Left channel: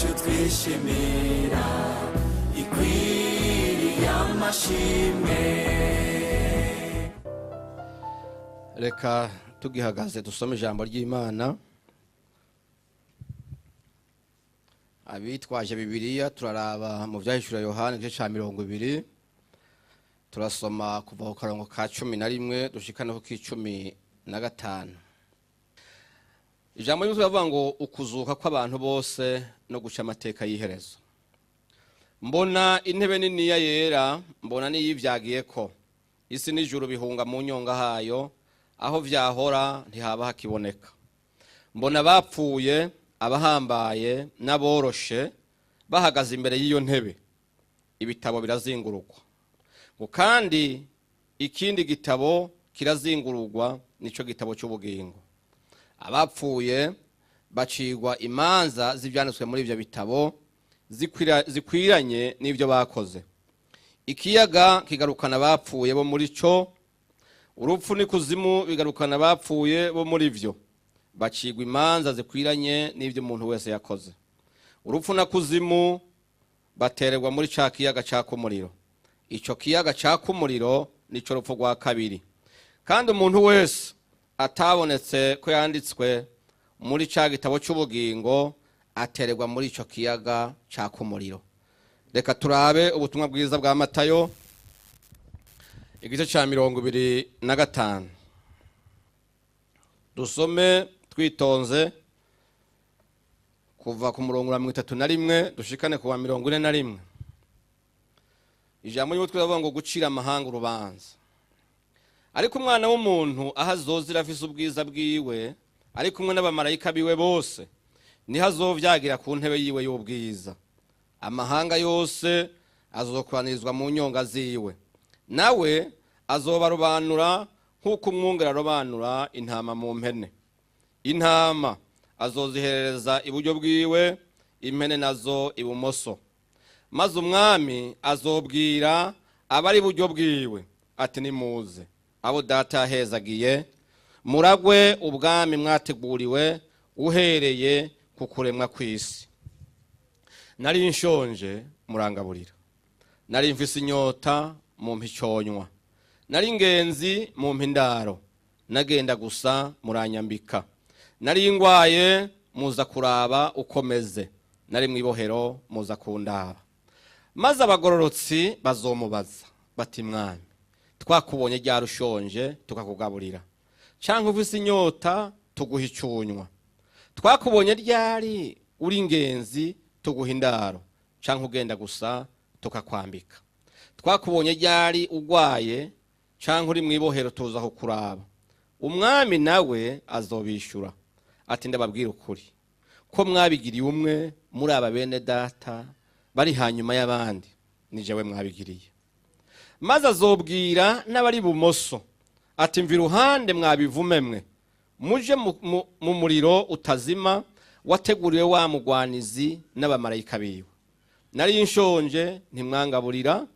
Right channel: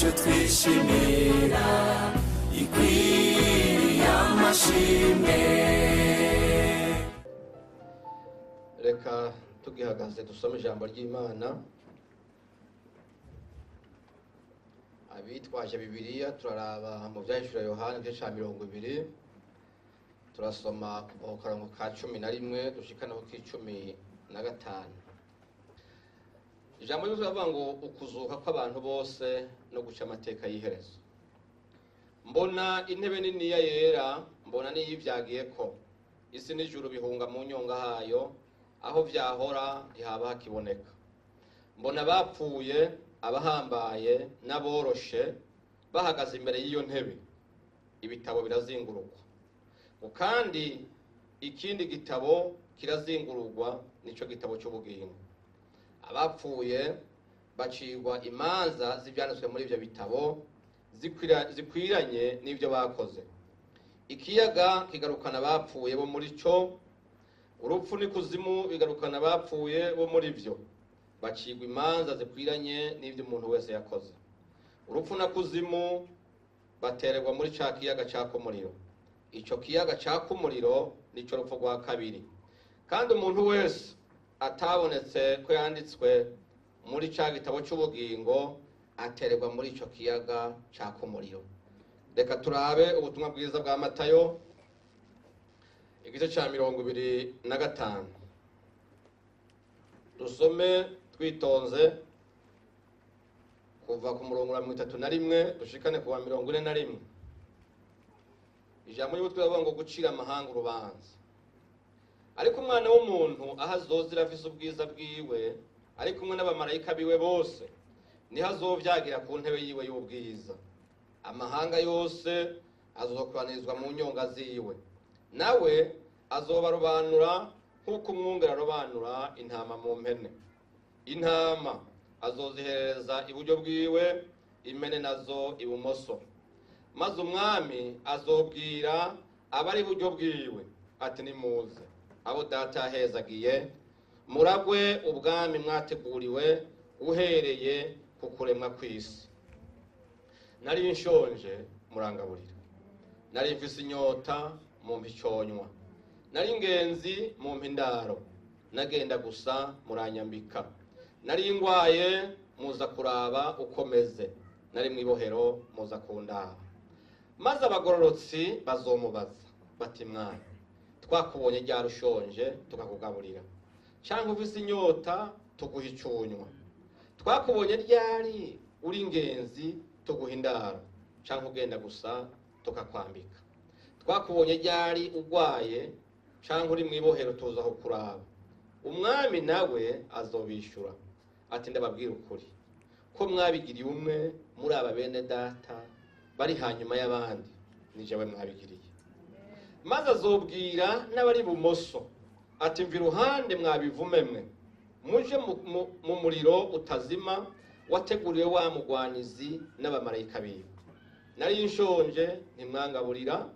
yacu twishimira ikwiye amashimwe. Reka tugihagaze dusome ijambo ry'Imana. Abitwaje Bibiliya turaraba mu byahishura Yohana igice cya 20, turasoma kuva ku karongo ka 11 dushikana ku 15. Ijambo ry'Imana rivuga ngo ukuzuka kw'abantu bose no guca amateka y'iherezo. Mbona intebe nini ya yera, mbona n'iyivyagiye ko isi n'ijuru bihunga mu nyonga hayo, aho vyahora ntihaba hakiboneka. Mbona bapfuye, abahambaye n'aboroshe bahagaze imbere y'iyo ntebe, ibitabo birazingururwa. Ngo kandi ikindi gitabo kirazingururwa, nico gitabo cy'ubugingo. Abapfuye bacigwa imanza z'ivyanditswe muri ivyo bitabo zikwiranye n'ivyo bakoze. Ikiyaga kigarukana abapfuye bo muri cyo, urupfu n'ikuzimu bigarukana abapfuye bo muri vyo. Bacigwa imanza zikwiranye n'ivyo umuntu wese yakoze. Urupfu na kuzimu batererwa muri ca kiyaga caka umuriro. Ico kiyaga caka umuriro nico rupfu rwa kabiri. Kandi umuntu wese atabonetse ko yanditswe muri ca gitabo cy'ubugingo atererwa muri ico kiyaga caka umuriro. Reka turabe ubutumwa bwiza bwa Matayo igice ca 25. Dusome twitonze kuva ku murongo wa 31 dushikane ku wa 41. Ijambo ry'Imana twavuga ngo gucira amahanga urubanza. Ariko umwana w'umuntu ahazozira afise ubwiza bwiwe, ari kumwe n'abamarayika biwe bose, niho azovyagira ku ntebe yiwe y'ubwiza. Amahanga yose azokoranirizwa mu nyonga ziwe, nawe azobarobanura nk'uko umwungere arobanura intama mu mpene. Intama azoziherereza iburyo bwiwe, impene nazo ibumoso. Maze umwami azobwira abari iburyo bwiwe ati nimuze, abo data yahezagiye, muragwe ubwami mwateguriwe uhereye ku kuremwa kw'isi. Nari nshonje murangaburira, nari mfise inyota mumpa iconywa, nari ingenzi mumpa indaro, nagenda gusa muranyambika, nari ngwaye muza kuraba ukomeze, nari mwibohero muza kundaba. Maze abagororotsi bazomubaza bati mwami, twakubonye ryari ushonje tukakugaburira, canke ufise inyota tuguha iconywa? Twakubonye ryari uri ingenzi tuguha indaro, canke ugenda gusa tukakwambika? Twakubonye ryari ugwaye, canke uri mwibohero tuza kukuraba? Umwami nawe azobishura ati ndababwira ukuri ko mwabigiriye umwe muri aba bene data bari hanyuma y'abandi, ni jewe mwabigiriye. Maze azobwira n'abari bumoso ati mvi ruhande mwabivume mwe, muje mu muriro utazima wateguriwe wa mugwanizi n'abamarayika biwe. Nari nshonje ntimwangaburira,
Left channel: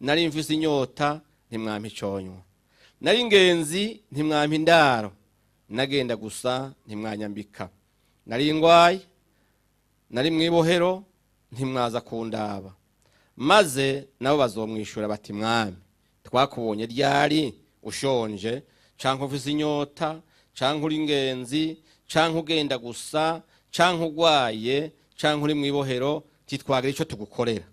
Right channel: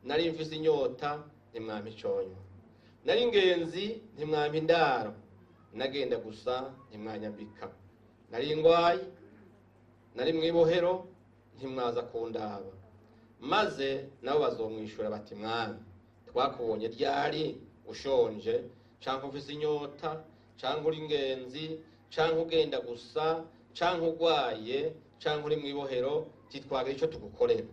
nari mfise inyota ntimwampa iconywa, nari ingenzi ntimwampa indaro, nagenda gusa ntimwanyambika, nari ngwaye, nari mwibohero ntimwaza kundaba. Maze nabo bazomwishura bati mwami, twakubonye ryari ushonje, canke ufise inyota, canke uri ingenzi, canke ugenda gusa, canke ugwaye, canke uri mwibohero titwagira ico tugukorera?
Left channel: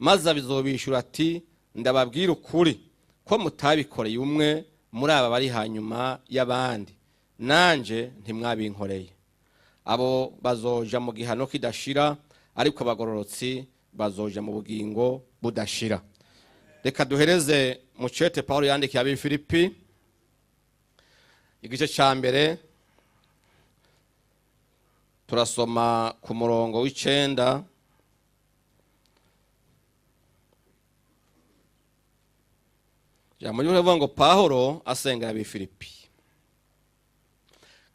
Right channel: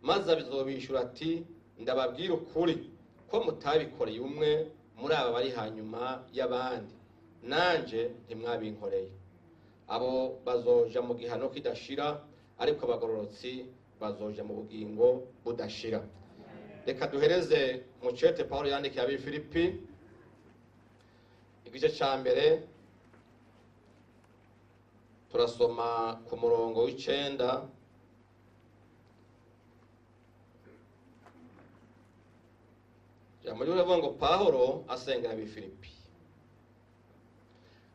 Maze abizobishura ati ndababwira ukuri ko mutabikoreye umwe muri aba bari hanyuma y'abandi, nanje ntimwabinkoreye. Abo bazoja mu gihano kidashira, ariko abagororotsi bazoja mu bugingo budashira. Reka duhereze mu cete Paulo yandikiye Abifilipi igice ca 1, turasoma ku murongo w'9. Jambo rivuga ngo Paulo asengera Abifilipi.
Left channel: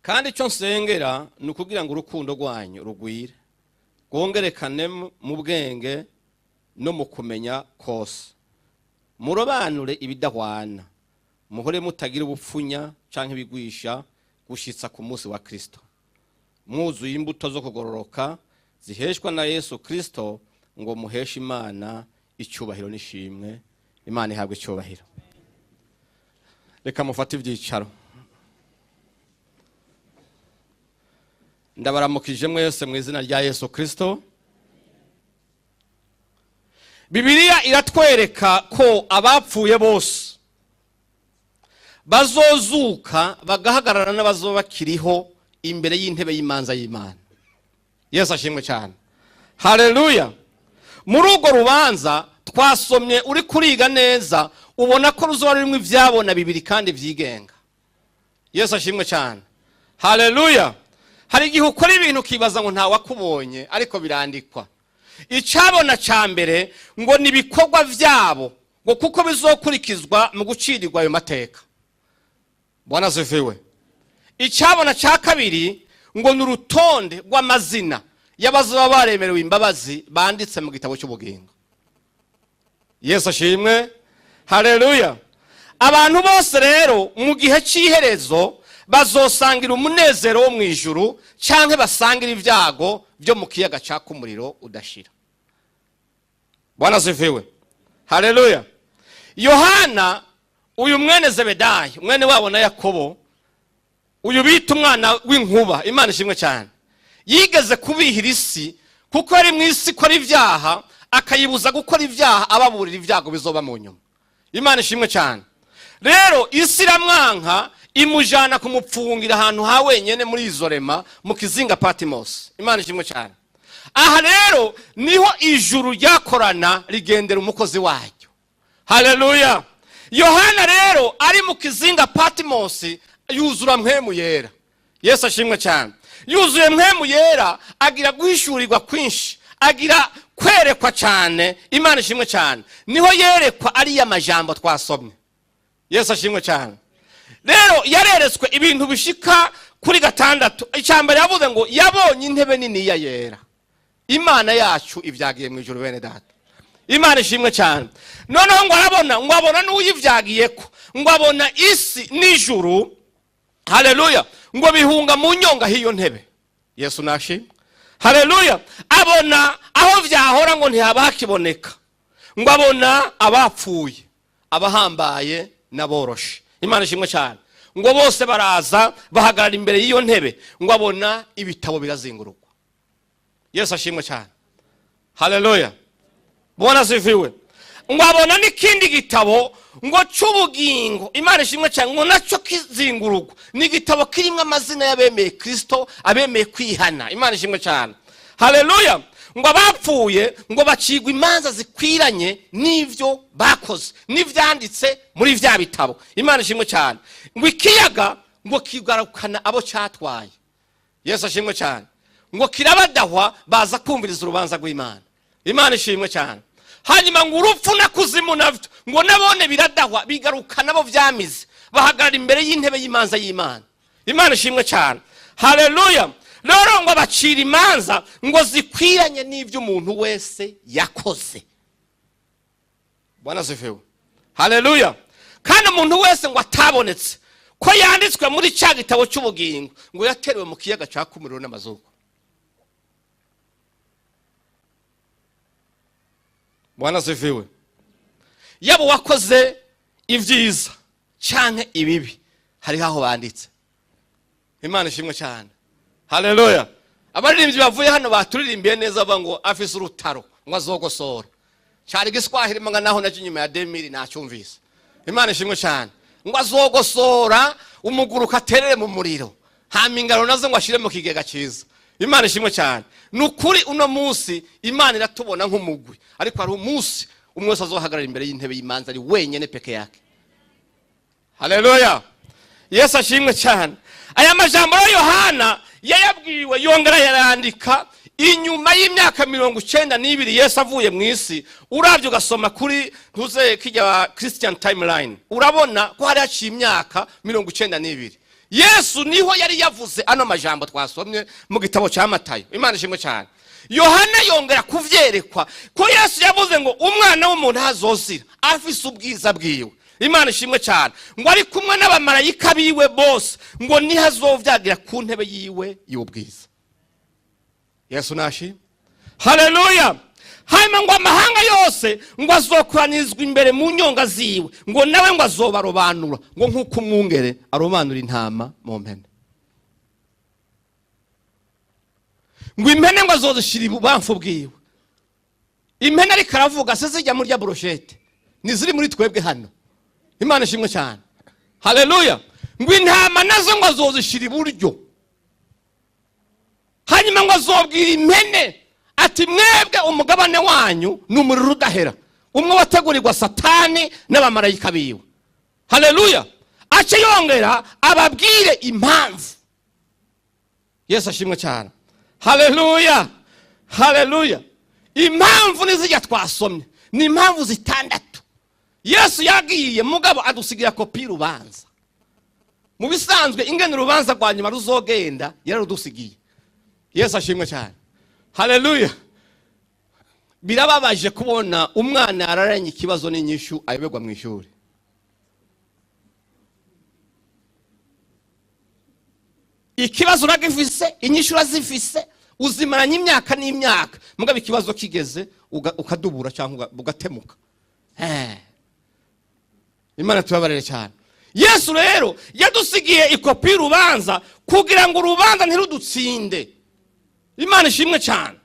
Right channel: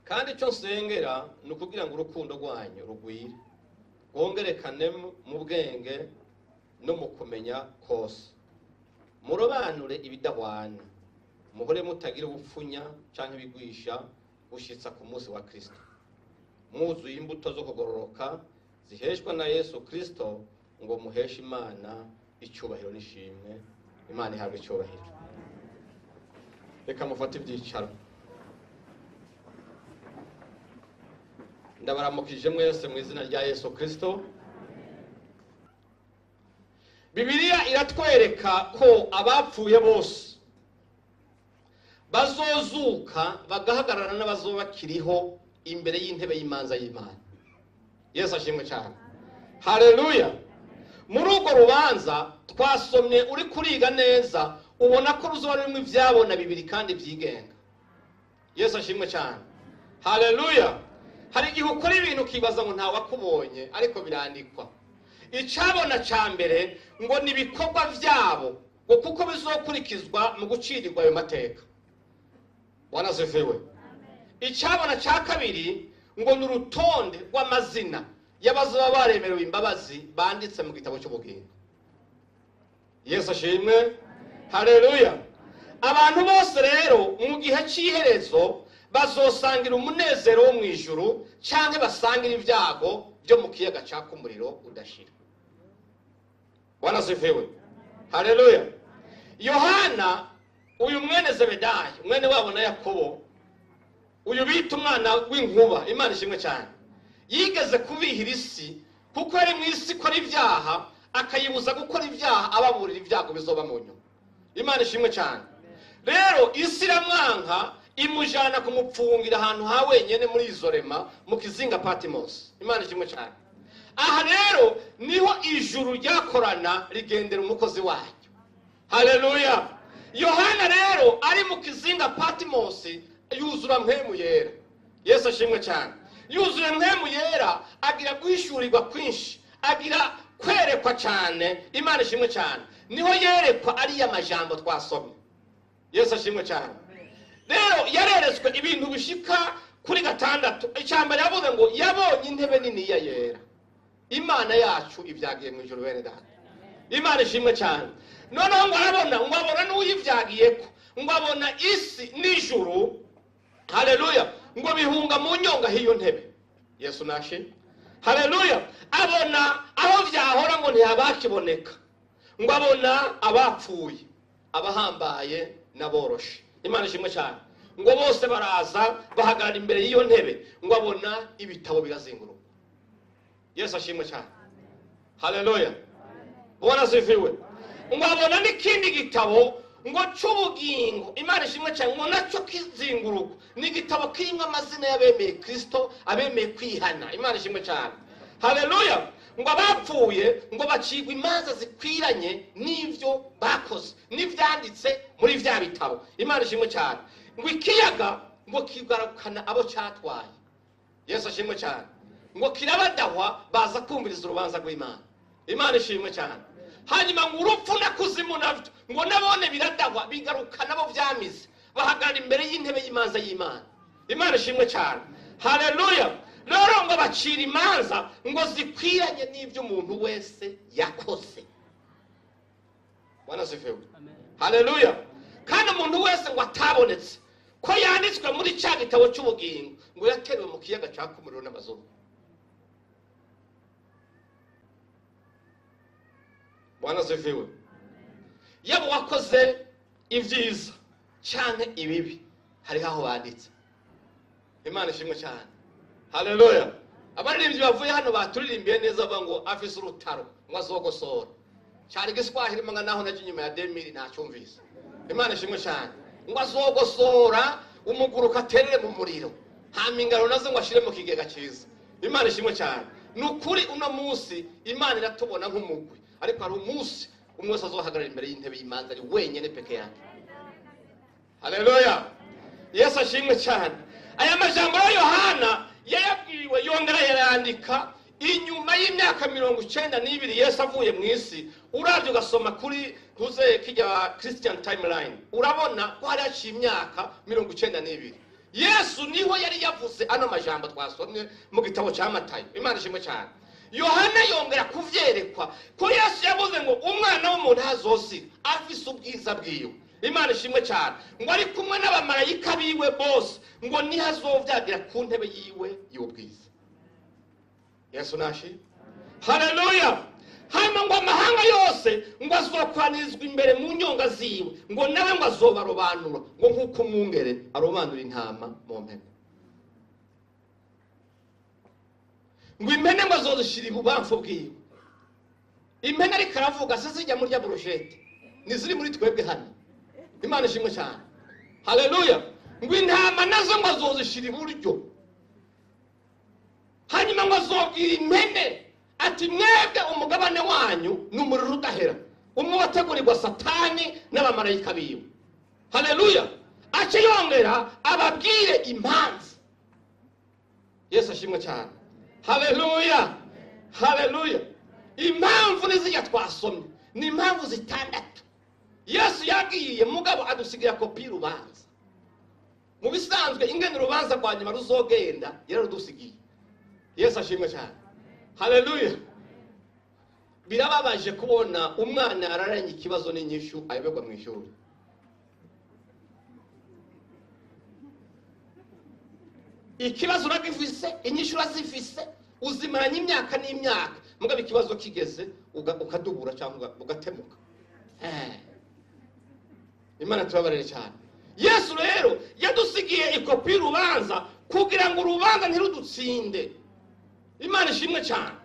Kandi ico nsengera ni ukugira ngo urukundo rwanyu rugwire, rwongerekane mu bwenge no mu kumenya kose, murobanure ibidahwana, muhore mutagira ubupfunya canke ibigwisha gushitsa ku munsi wa Kristo, mwuzuye imbuto zo kugororoka ziheshwa na Yesu Kristo, ngo muheshe Imana icyubahiro n'ishimwe. Imana ihabwe icyubahiro. Reka mufate ibyicaro. Ndabaramukije mwese mu izina rya Yesu Kristo. Bibiliya iratwereka ko abapfuye bose bazozuka bagahagarara n'abazoba bakiriho imbere y'intebe y'imanza y'Imana. Yesu ashimwe cyane. Haleluya. Muri urwo rubanza twasomye uri kuriga neza, ubona ko ruzoba rurimo ivyabona bibiri kandi vyigenga. Yesu ashimwe cyane. Haleluya. Hari igihe ukora ibintu ukibaza ngo nta wakubonye, ariko birandikwa. Icabona ca mbere ngo ni ibikorwa vyabo, ngo kuko bizokurikizwa mu gucirirwa ayo mateka. Bwana asifiwe. Icabona ca kabiri ngo ni urutonde rw'amazina y'abazoba baremerewe imbabazi banditse mu gitabo cy'ubugingo. Yesu ashimwe. Haleluya. Abantu bose rero mu gihe cy'iherezo bazosangira umunezero wo mu ijuru, canke basangira ibyago byo mu kiyaga caka umuriro udashira. Bwana asifiwe. Haleluya. Yohana, uyu mwene Zebedayo, mwene wabo na Yakobo, uyu bita umwana w'inkuba, Imana ishimwe cyane, yigeze kubihira isi kuko ari mu isi ikora ibyaha, akayibuza gukora ibyaha, ababurira ibyago bizoba mu nyuma. Imana ishimwe cyane. Rero isi iramwanka, imujana kumupfungira ahantu ha wenyene muri Izorema mu kizinga Patmos. Imana ishimwe cyane. Aha rero niho ijuru ryakorana rigendera umukozi waryo. Haleluya. Yohana rero ari mu kizinga Patmos yuzura mpemu yera. Yesu ashimwe cyane. Yuzuye mpemu yera, agira guhishurirwa kwinshi, agira kwerekwa cyane. Imana ishimwe cyane. Niho yerekwa ari y'amajambo twasomye. Yesu ashimwe cyane. Rero yareretswe ibintu bishika kuri 6. Icyambere yavuze ngo yabonye intebe nini ya yera. Imana yacu ibyagiye mu ijuru bene data. Imana ishimwe cyane. Noneho ngo abona n'uyivyagiyeko, ngo abona isi n'ijuru. Haleluya. Ngo bihunga mu nyonga hiyo ntebe. Yesu nashi. Haleluya. Abona aho vyahora ngo ntihabakiboneka. Ngo abona abapfuye, abahambaye n'aboroshe. Imana ishimwe cyane. Ngo bose baraza bahagarara imbere y'iyo ntebe, ngo abona ibitabo birazingurukwa. Yesu ashimwe cyane. Haleluya. Bwana asifiwe. Ngo abona n'ikindi gitabo ngo cy'ubugingo. Imana ishimwe cyane. Ngo nacyo kizingurukwa. Ni igitabo kirimo amazina y'abemeye Kristo, abemeye kwihana. Imana ishimwe cyane. Haleluya. Ngo abapfuye ngo bacigwa imanza zikwiranye n'ivyo bakoze, n'ivyanditse muri vya bitabo. Imana ishimwe cyane. Ngo ikiyaga ngo kigarukana abo cyatwaye. Yesu ashimwe cyane. Ngo kirabadahwa baza kumviriza urubanza rw'Imana. Imana ishimwe cyane. Hanyuma ngo urupfu na kuzimu navyo ngo nabone biradahwa, bigarukana abo vyamize, bahagarara imbere y'intebe y'imanza y'Imana. Imana ishimwe cyane. Haleluya. Rero ngo bacira imanza ngo zikwiranye n'ivyo umuntu wese yakoze. Bwana asifiwe. Haleluya. Kandi umuntu wese ngo atabonetse ko yanditswe muri cya gitabo cy'ubugingo, ngo yaterewe mu kiyaga caka umuriro n'amazuku. Bwana asifiwe. Yabo wakoze ivyiza canke ibibi, hari aho banditse. Imana ishimwe cyane. Haleluya. Abaririmbyi bavuye hano baturirimbiye neza ngo afise urutaro ngo azogosora. Cyari giswahili manga naho naje nyuma ya 2000 nacyumvise. Imana ishimwe cyane. Ngo azogosora umuguruka aterere mu muriro, hamingaro nazo ngo ashire mu kigega cyiza. Imana ishimwe cyane. Nukuri uno munsi Imana iratubona nk'umugwi, ariko hari umunsi umwe wese azohagarara imbere y'intebe y'imanza ari wenyene peke yake. Haleluya. Yesu ashimwe cyane. Aya majambo ya Yohana yayabwiwe yongera yarandika inyuma y'imyaka 92 Yesu avuye mu isi. Uravye ugasoma kuri ntuze kijya Christian timeline, urabona ko hari haciye imyaka 92. Yesu niho yari yavuze ano majambo twasomye mu gitabo cya Matayo. Imana ishimwe cyane. Yohana yongera kuvyerekwa ko Yesu yavuze ngo umwana w'umuntu azozira afise ubwiza bwiwe. Imana ishimwe cyane. Ngo ari kumwe n'abamarayika biwe bose, ngo nihazovyagira ku ntebe yiwe y'ubwiza. Yesu nashi. haleluya. Hanyuma ngo amahanga yose ngo azokoranizwa imbere mu nyonga ziwe, ngo nawe ngo azobarobanura ngo nk'uko umwungere arobanura intama mu mpene. Ngo impene ngo azozishira ibubamfu bwiwe. Impene ariko aravuga se zijya muri rya brochette niziri muri twebwe hano. Imana ishimwe cyane, haleluya. Ngo intama nazo ngo azozishira iburyo. Hanyuma ngo azobwira impene ati mwebwe umugabane wanyu n'umuriro udahera, umwe wategurirwa Satani n'abamarayika biwe. Haleluya. Ace yongera ababwire impamvu. Yesu ashimwe cyane, haleluya, haleluya. Impamvu nizijya twasomye ni impamvu zitandatu. Yesu yagiye mugabo adusigira kopi y'urubanza. Mu bisanzwe ingene urubanza rwa nyuma ruzogenda yararudusigiye. Yesu ashimwe cyane, haleluya. Birababaje kubona umwana araranye ikibazo n'inyishu ayoberwa mu ishuri. Ikibazo uragifise, inyishu urazifise, uzimaranye imyaka n'imyaka, mugabo ikibazo kigeze ukadubura cyangwa ugatemuka. Imana tubabarire cyane. Yesu rero yadusigiye ikopi y'urubanza kugira ngo urubanza ntirudutsinde. Imana ishimwe cyane,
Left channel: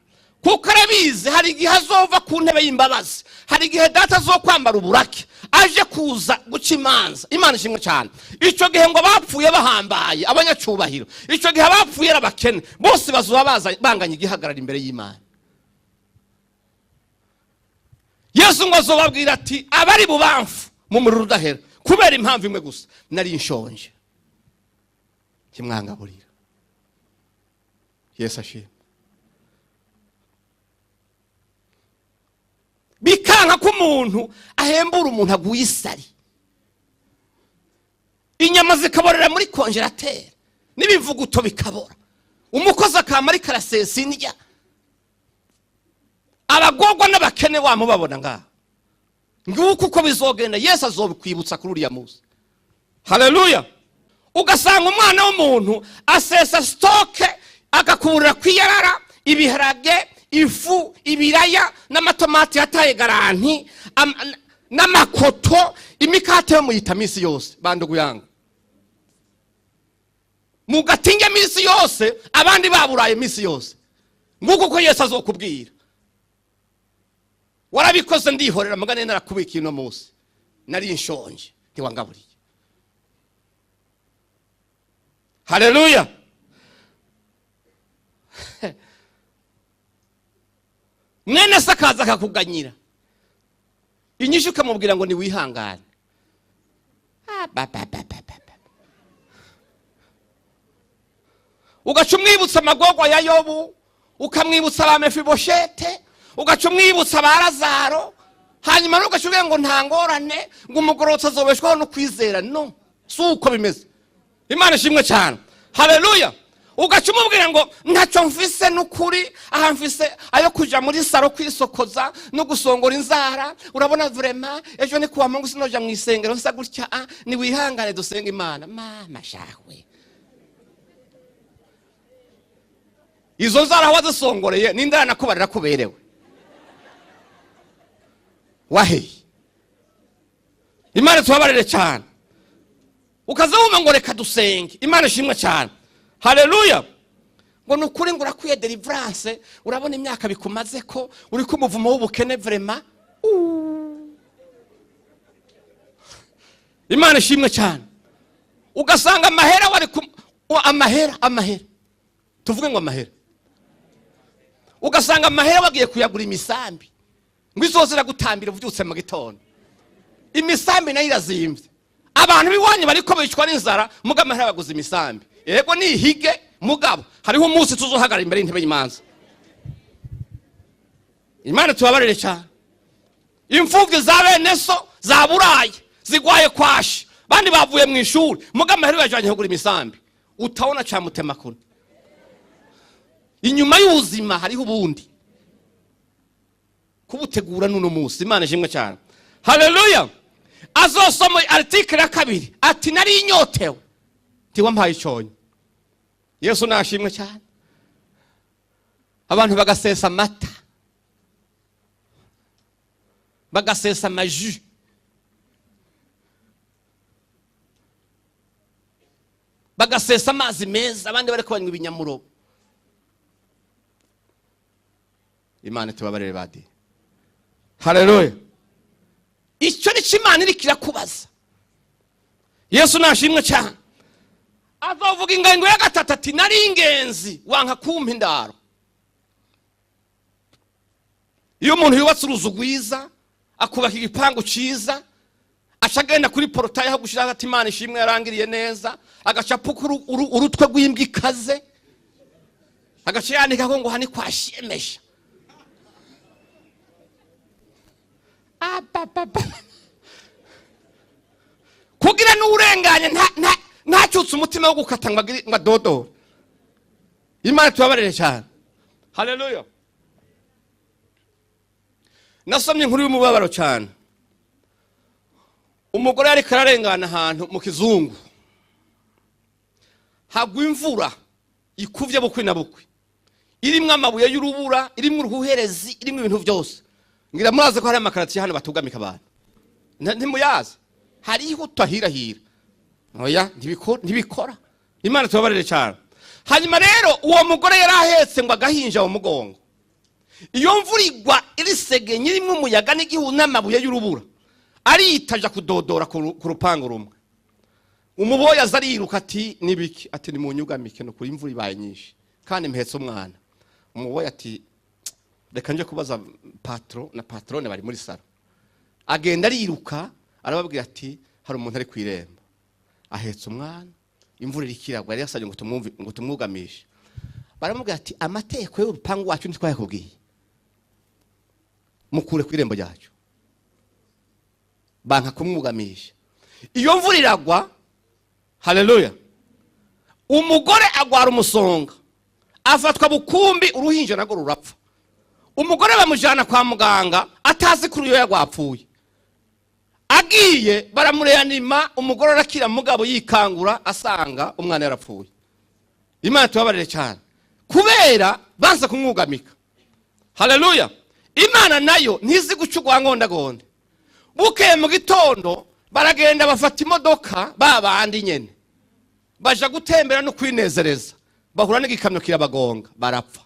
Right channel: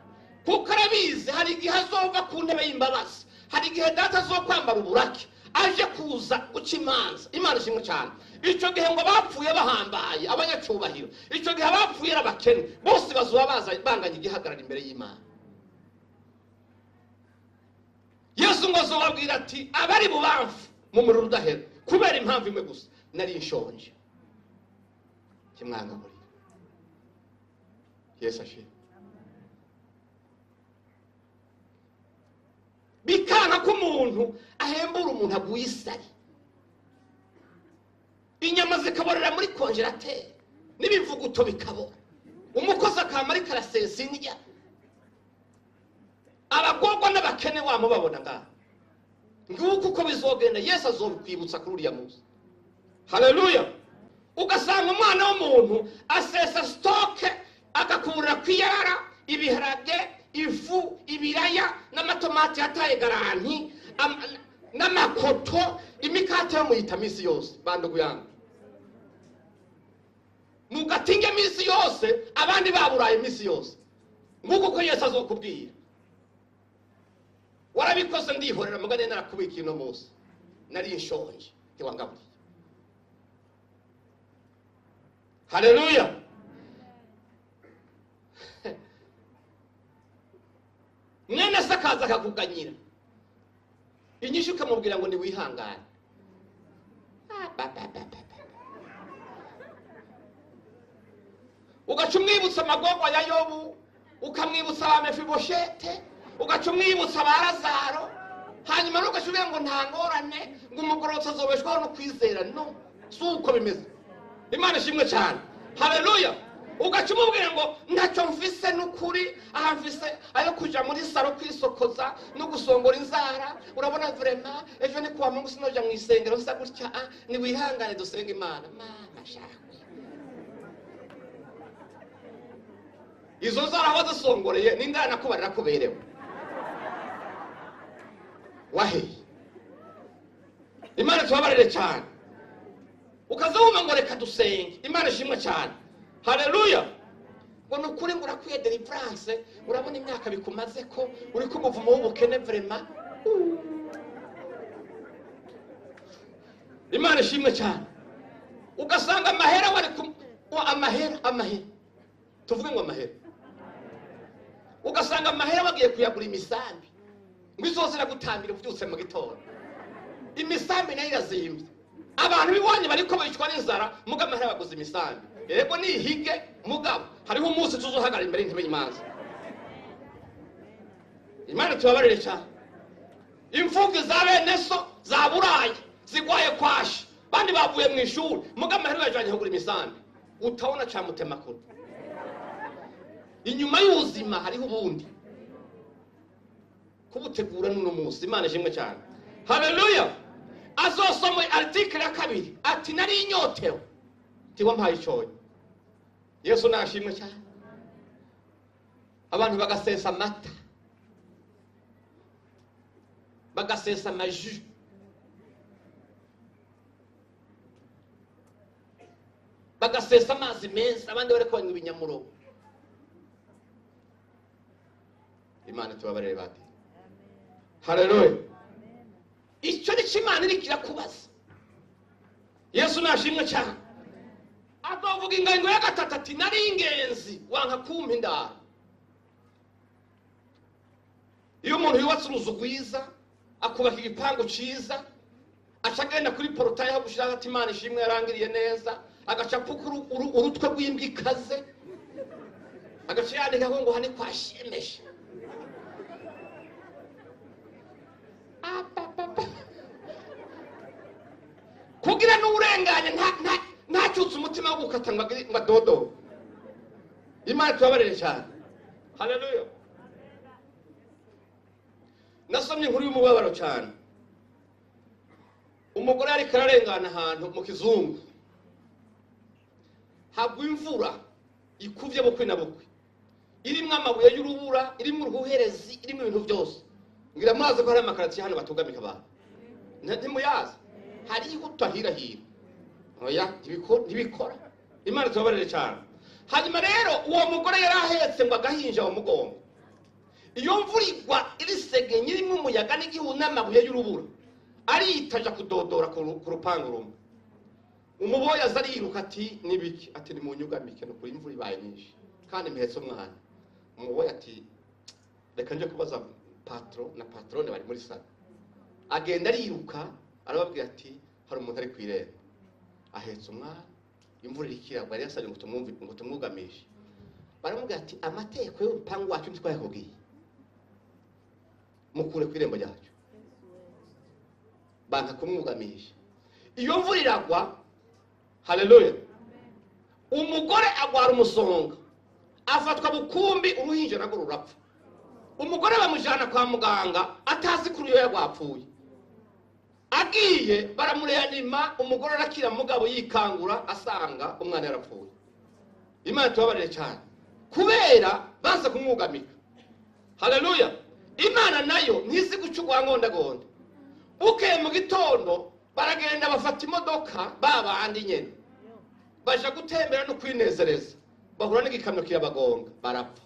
kuko arabizi hari igihe azova ku ntebe y'imbabazi, hari igihe data zo kwambara uburake aje kuza guca imanza. Imana ishimwe cyane. Icyo gihe ngo bapfuye bahambaye abanyacubahiro, icyo gihe bapfuye abakene bose bazuba baza banganya igihagarara imbere y'Imana. Yesu ngo azobabwira ati abari bubamfu mu muriro udahera kubera impamvu imwe gusa, nari nshonje kimwangaburira. Yesu ashimwe. Bikanka ko umuntu ahembura umuntu aguye isari, inyama zikaborera muri konjerateri n'ibivuguto bikabora, umukozi akamara karasesa indya, abagogwa n'abakene wamubabona ngaha. Nguko uko bizogenda Yesu azobikwibutsa kuri uriya munsi, haleluya. Ugasanga umwana w'umuntu asesa stoke agakurira kwiyarara ibiharage, ifu, ibiraya n'amatomati yataye garanti n'amakoto, imikate yo muyita misi yose. Bandugu yangu, mugatinge misi yose, abandi baburaye misi yose. Nguko ko Yesu azokubwira, warabikoze ndihorera mugane narakubika ino munsi nari nshonje ntiwangaburiye. Haleluya. Mwene sakaza akakuganyira, inyishu ukamubwira ngo ni wihangane. Ugaca umwibutsa amagorwa ya Yobu, ukamwibutsa ba Mefiboshete, ugaca umwibutsa ba Lazaro, hanyuma ugaca uvuga ngo nta ngorane, ngo umugororotsi azobeshwaho no kwizera. No, si uko bimeze. Imana ishimwe cyane, haleluya. Ugaca umubwira ngo ntacyo mfise n'ukuri, aha mfise ayo kuja muri saro kwisokoza no gusongora inzara. Urabona vrema ejo ni kuwa Mungu sinoja mu isengero nsa gutya, ni wihangane dusenga Imana. Mama shahwe, izo nzara wazisongoreye n'indara nakubarira kuberewe wahe. Imana tubabarire cyane. Ukazawuma ngo reka dusenge. Imana ishimwe cyane, haleluya. Ngo nukuri ngo urakwiye deliverance, urabona imyaka bikumaze ko uri kumuvumo w'ubukene vrema. Imana ishimwe cyane. Ugasanga amahera wari amahera tuvuge ngo amahera, ugasanga amahera wagiye kuyagura imisambi ngo izozira gutambira uvyutse mu gitondo. Imisambi nayo irazimvye, abantu biwanye bariko bicwa n'inzara, muga amahera baguze imisambi. Yego ni hige mugabo hariho umunsi tuzohagara imbere y'intebe y'Imanza. Imana tubabarire cyane. Imfuvyi za bene so za buraye zigwaye kwashi, bandi bavuye mu ishuri, muga amahera yajanye kugura imisambi. Utaona cha mutemakuru. Inyuma y'ubuzima hariho ubundi kubutegura nuno munsi. Imana ishimwe cyane, haleluya. Azosoma article ya 2 ati nari inyotewe tiwa mpaye icyonyo. Yesu nashimwe cyane. Abantu bagasesa amata bagasesa amaji, bagasesa amazi meza, abandi bariko banywa ibinyamuro. Imana tubabarire badi. Haleluya. Icyo ni Imana iri kirakubaza. Yesu nashimwe cyane. Azavuga ingango ya gatatu ati nari ingenzi wanka kumpa indaro. Iyo umuntu yubatse uruzu rwiza, akubaka igipangu ciza, acagenda kuri portail aho gushira ati Imana ishimwe yarangiriye neza, agacapuka urutwe rw'imbwa ikaze, agaciyanika ngo hani kwashimesha. Kugira n'urenganye ntacutse umutima wo gukata ngo dodo. Imana tubabarire cyane. Haleluya. Nasomye inkuru y'umubabaro cyane. Umugore yari kararengana ahantu mu kizungu, hagwa imvura ikuvye bukwe na bukwe, irimwe amabuye y'urubura, irimwe uruherezi, irimwe ibintu byose. Ngira muraze ko hari amakaratiye hano batugamika abantu. Ntimuyazi. Hariho utahirahira. Oya ntibikora. Imana tubabarire cyane. Hanyuma rero uwo mugore yarahetse ngo agahinja mu mugongo. Iyo mvura igwa irisege nyirimo umuyaga n'igihu n'amabuye y'urubura, aritaja kudodora ku rupangu rumwe. Umuboya azariruka ati nibiki, ati ni munyugamike no kuri imvura ibaye nyinshi kandi mpetse umwana. Umuboya ati reka nje kubaza patro na patrone bari muri sala. Agenda ariruka arababwira ati hari umuntu ari kwiremba, ahetse umwana, imvura irikiragwa, yari yasabye ngo tumwugamishe. Baramubwira ati amateko y'urupangu wacu ntitwayakubwiye, mukure kwirembo ryacu. Banka kumwugamisha. Iyo mvura iragwa, haleluya, umugore agwara umusonga, afatwa bukumbi, uruhinja nago rurapfa. Umugore bamujana kwa muganga atazi kuri yo yagwapfuye. Agiye baramureanima, umugore arakira, mugabo yikangura asanga umwana yarapfuye. Imana tubabarire cyane. Kubera banza kumwugamika. Haleluya. Imana nayo ntizi gucugwa ngondagonda. Bukeye mu gitondo baragenda bafata imodoka babandi nyene, baja gutembera no kwinezereza, bahura n'igikamyo kirabagonga, barapfa.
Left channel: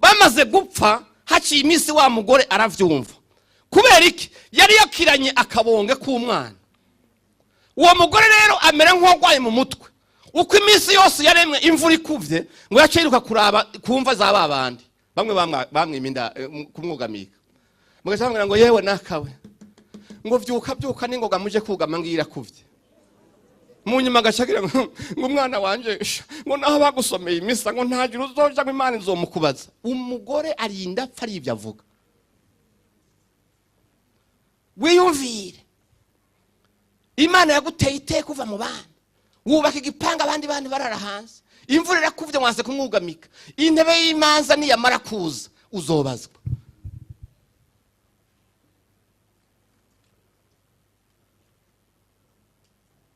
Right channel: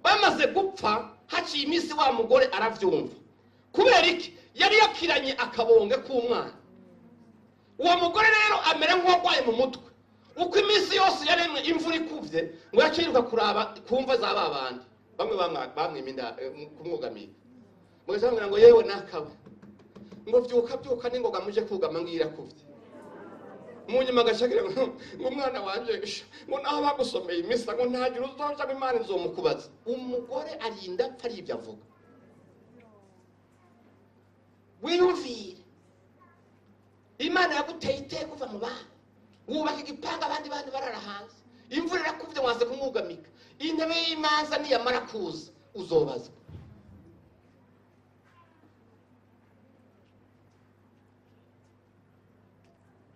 Bamaze gupfa haciye iminsi wa mugore aravyumva. Kubera iki? Yari yakiranye akabonge k'umwana. Uwo mugore rero amera nk'ogwaye mu mutwe. Uko iminsi yose yaremwe imvura ikuvye ngo yaciruka kuraba kumva za babandi. Bamwe bamwiminda kumwugamika. Mugasanga ngo yewe nakawe. Ngo vyuka ningoga muje kugama ngira kuvye. Munyuma gacagira ngo umwana wanje ngo naho bagusomeye imisa ngo ntagira uzoja ngo Imana izomukubaza. Umugore arinda apfa ari ivyo avuga. Wiyumvire. Imana yaguteye iteka kuva mu bana. Wubaka igipanga abandi bantu barara hanze. Imvura irakuvye mwanze kumwugamika. Intebe y'imanza niyamara kuza uzobazwa.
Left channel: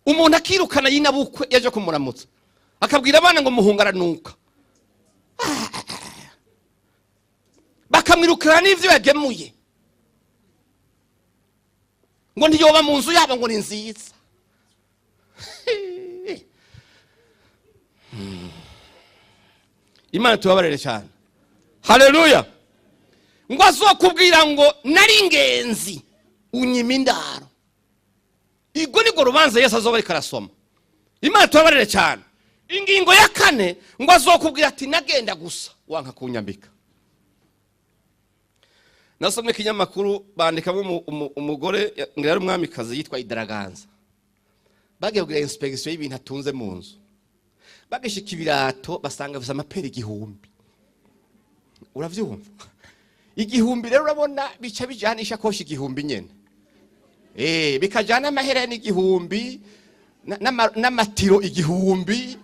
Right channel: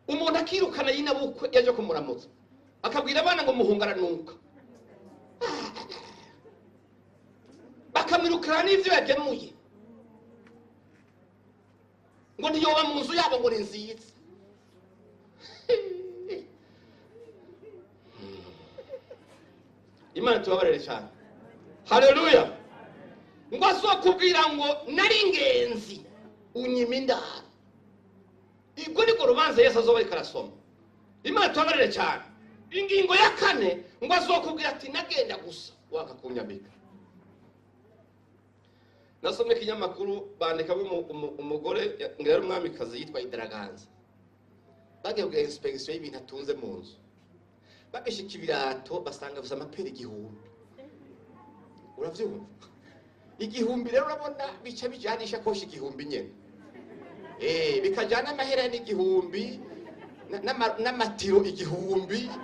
Umuntu akirukana yinabukwe yaje kumuramutsa, akabwira abana ngo muhungaranuka, bakamwirukana n'ivyo yagemuye, ngo ntiyoba mu nzu yabo ngo ni nziza. Imana tubabarire cyane. Haleluya. Ngo azokubwira ngo nari ingenzi unyima indaro. Igo niko rubanza Yesu azoba ariko arasoma. Imana tubabarire cyane. Ingingo ya 4 ngo azokubwira ati nagenda gusa wanka kunyambika. Nasomye kinyamakuru bandikamo umugore ngira ari umwamikazi yitwa Idaraganza. Bagiye kugira inspection y'ibintu atunze mu nzu. Bagishika ibirato basanga bafite amaperi 1000. Uravyumva? Igihumbi rero urabona bica bijanisha koshi 1000 nyene. Bikajana amahera n'igihumbi n'amatiro 1000.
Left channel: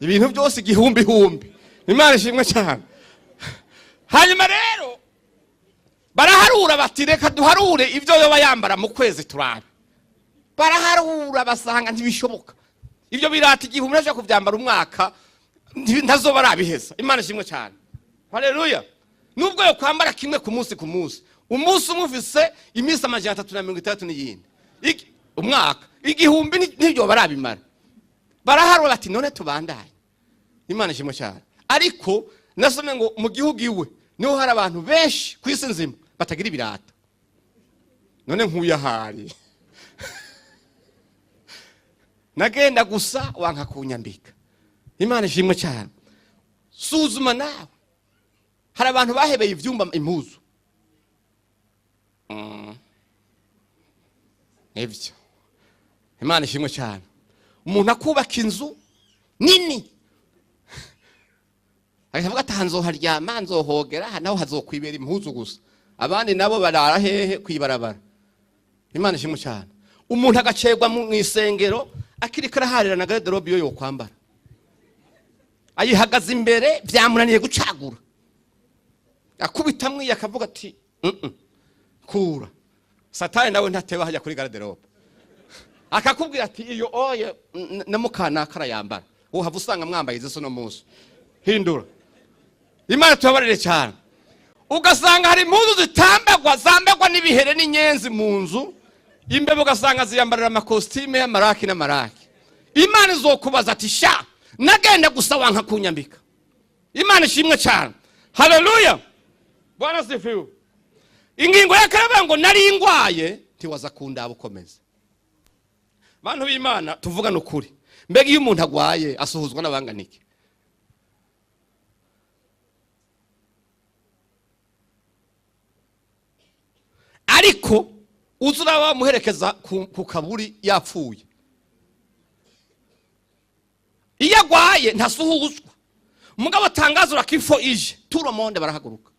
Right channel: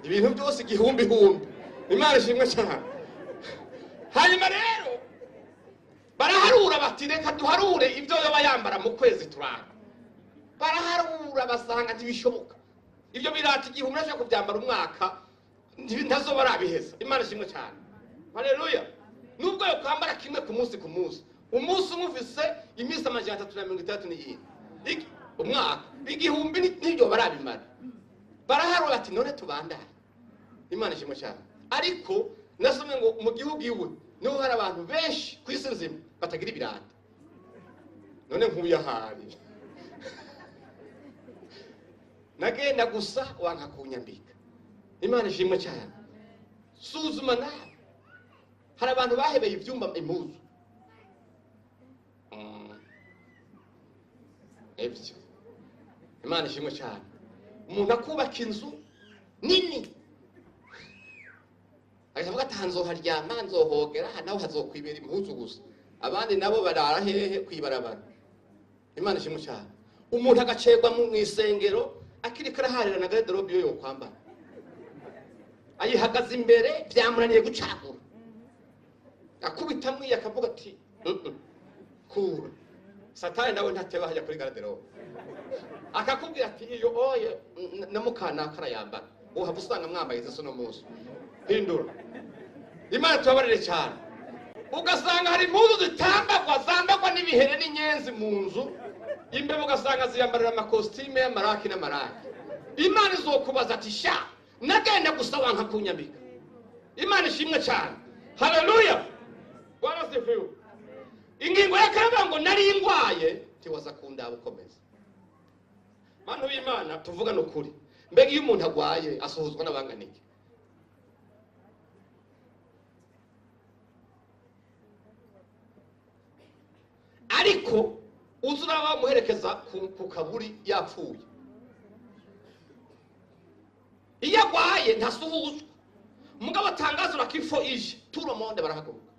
Ibintu byose 1000. Imana ishimwe cyane. Hanyuma rero baraharura bati reka duharure ivyo yoba yambara mu kwezi turana. Baraharura basanga ntibishoboka. Ivyo birata 1000 naje kuvyambara umwaka ntazoba arabiheza. Imana ishimwe cyane. Haleluya. Nubwo yo kwambara kimwe ku munsi, umunsi umwe ufise iminsi 360 umwaka igihumbi n'ibyo barabimara baraharwa bati none tubandanye. Imana ishimwe cyane. Ariko nasome ngo mu gihugu iwe niho hari abantu benshi ku isi nzima batagira ibirata. None nkuyahari nagenda gusa wanka kunyambika. Imana ishimwe cyane. Suzuma nawe hari abantu bahebeye ivyumba impuzu evyo. Imana ishimwe cyane. Umuntu akubaka inzu nini akavuga ati nzoharyama nzohogera naho hazokwibera impuzu gusa, abandi nabo barara hehe kwibarabara. Imana ishimwe cyane. Umuntu agacegwa mu isengero akirikara harira na garderobe yo kwambara ayihagaze imbere byamunaniye gucagura, akubitamwe akavuga ati kura. Satani nawe ntatewe hajya kuri garderobe akakubwira ati iyo oye namukana karayambara uhava usanga mwambaye izo no muso hindura. Imana tubabarire cyane. Ugasanga hari impuzu zambagwa n'ibihere n'inyenzi mu nzu, imbebe ugasanga ziyambarira amakostime y'amaraki n'amaraki. Imana izokubaza ati sha nagenda gusa wanka kunyambika. Imana ishimwe cyane. Haleluya. Bwana sifiwe. Ingingo ya karaba ngo nari ingwaye ntiwaza kundaba ukomeza. Bantu b'Imana tuvugana ukuri. Mbega iyo umuntu agwaye asuhuzwa n'abanganike? Ariko uzura bamuherekeza ku kaburi yapfuye. Iyo agwaye ntasuhuzwa. Mugabo atangazura kifo ije turo monde barahaguruka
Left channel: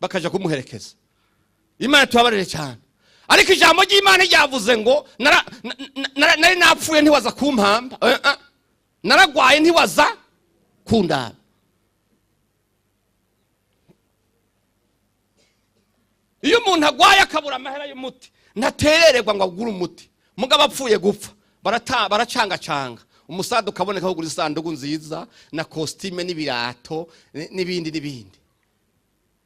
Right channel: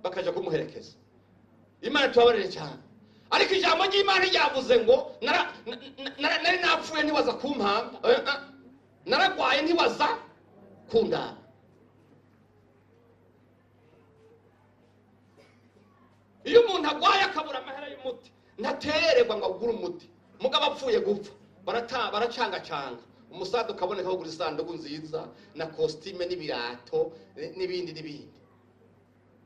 bakaja kumuherekeza. Imana tubabarire cyane. Ariko ijambo ry'Imana ryavuze ngo nari napfuye ntiwaza kumpamba, naragwaye ntiwaza kundaba. Iyo umuntu agwaye akabura amahera y'umuti ntaterererwa ngo agure umuti, mugabo apfuye gupfa baracanga umusado kaboneka ho gura isanduku nziza na costume n'ibirato n'ibindi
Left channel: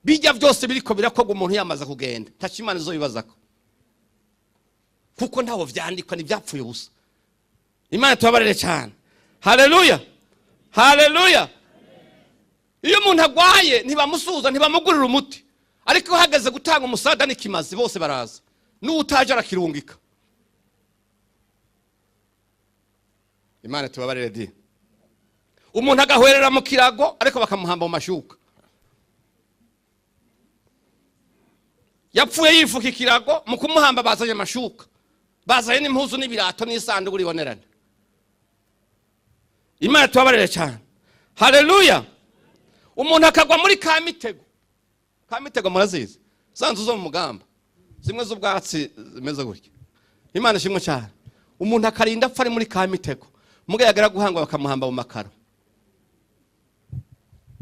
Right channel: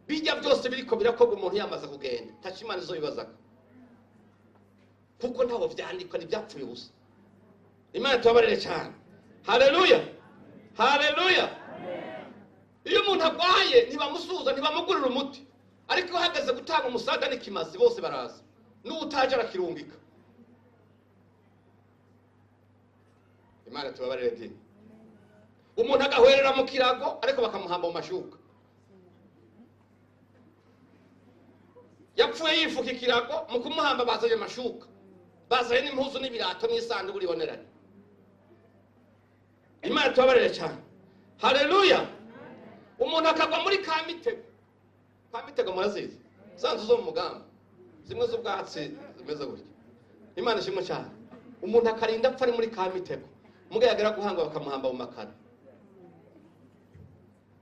bijya byose biriko birakorwa umuntu yamaze kugenda tachimana zo bibazako kuko ntawo vyandikwa ni byapfuye ubusa. Imana tubabarire cyane. Haleluya. Haleluya. Iyo umuntu agwaye ntibamusuza ntibamugurira umuti, ariko hageze gutanga umusada n'ikimazi bose baraza n'utaje arakirungika. Imana tubabarire di. Umuntu agahwerera mu kirago ariko bakamuhamba mu mashuka. Yapfuye yifuka ikirago mu kumuhamba bazanye amashuka, bazanye n'impuzu n'ibirato n'isanduku riboneranye. Imana tubabarire cyane. Haleluya. Umuntu akagwa muri kamitego murazizi sanzu zo mu mugamba zimwe z'ubwatsi zimeze gutya. Imana ishimwe cyane. Umuntu akarinda apfa ari muri kamitego mugayagara guhanga bakamuhamba mu makaro,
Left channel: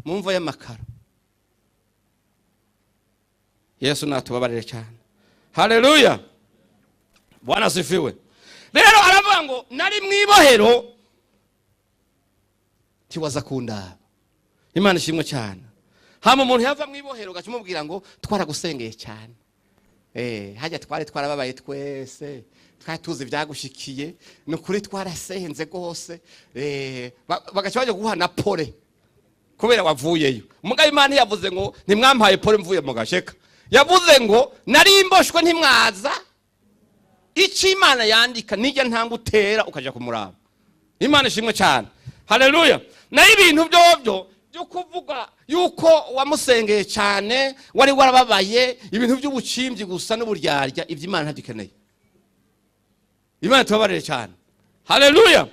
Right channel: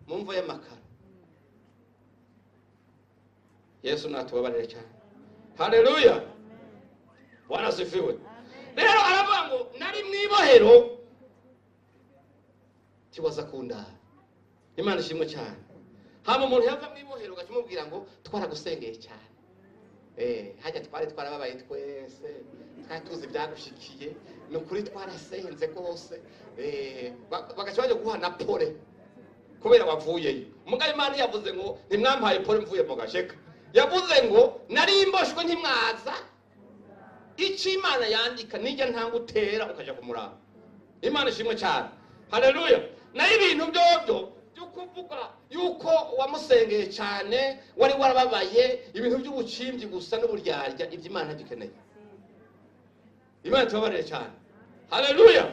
mumva y'amakaro. Yesu natubabarire cyane. Haleluya. Bwana sifiwe. Rero aravuga ngo nari mwibohero tiwaza kunda. Imana ishimwe cyane. Hama umuntu yava mwibohero gacumubwira ngo twaragusengeye cyane. Hajya twarababaye twese. Twari tuzi byagushikiye nukuri twarasenze gose. Bagaca bajya guhana pole kubera wavuyeyo. Umugabo Imana yavuze ngo ntimwampaye pole mvuye mu gasheka. Yavuze ngo nari imboshwe ntimwaza. Ichi Imana yandika nijya ntangutera ukaja kumuraba. Imana ishimwe cyane. Haleluya. Na ibintu byobyo byo kuvuga yuko wamusengeye cyane wari warababaye ibintu by'ubucimbyi gusa n'uburyarya ivy'Imana ntagikeneye. Imana tubabarire cyane. Haleluya.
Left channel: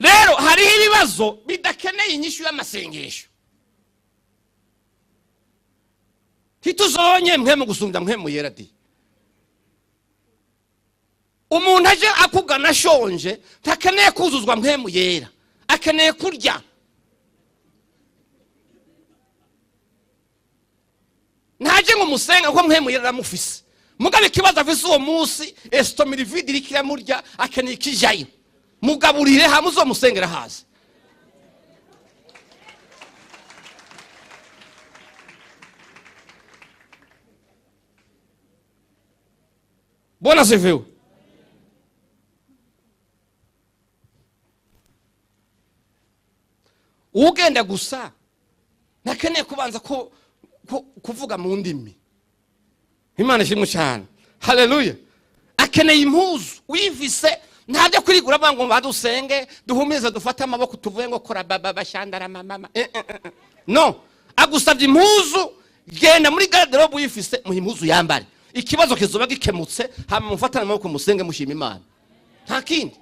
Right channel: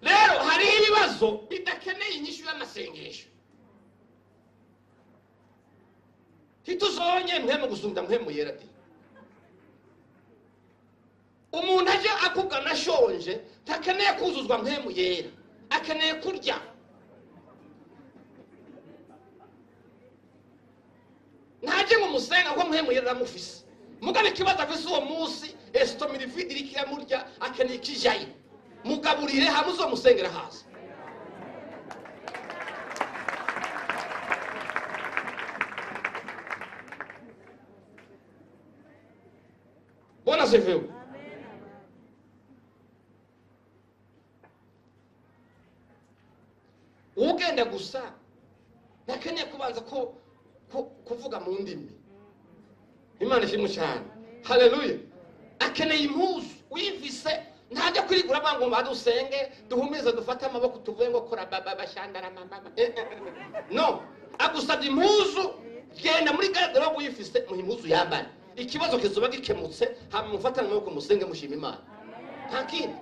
Rero hari ibibazo bidakeneye inyishu y'amasengesho. Tituzonye mwe mu gusunda mwe mu yeradi. Umuntu aje akugana shonje takeneye kuzuzwa mwe mu yera, akeneye kurya. Ntaje ngo musenga ko mwe mu yera mufise. Mugabe kibaza afise uwo munsi estomilivide irikira murya akeneye kijaye. Mugaburire hamwe zo musengera hasi. Bwana asifiwe. Ugenda gusa nakeneye kubanza kuvuga mu ndimi. Imana ishimwe cyane. Haleluya. Akeneye impuzu wivise ntajya kurigura bango badusenge duhumize dufate amaboko tuvuye ngo kora bashandara mama. No, agusabye impuzu genda muri garderobe wifise mu impuzu yambare. Ikibazo kizoba gikemutse hama mufatana amaboko musenge mushima Imana. Nta kindi.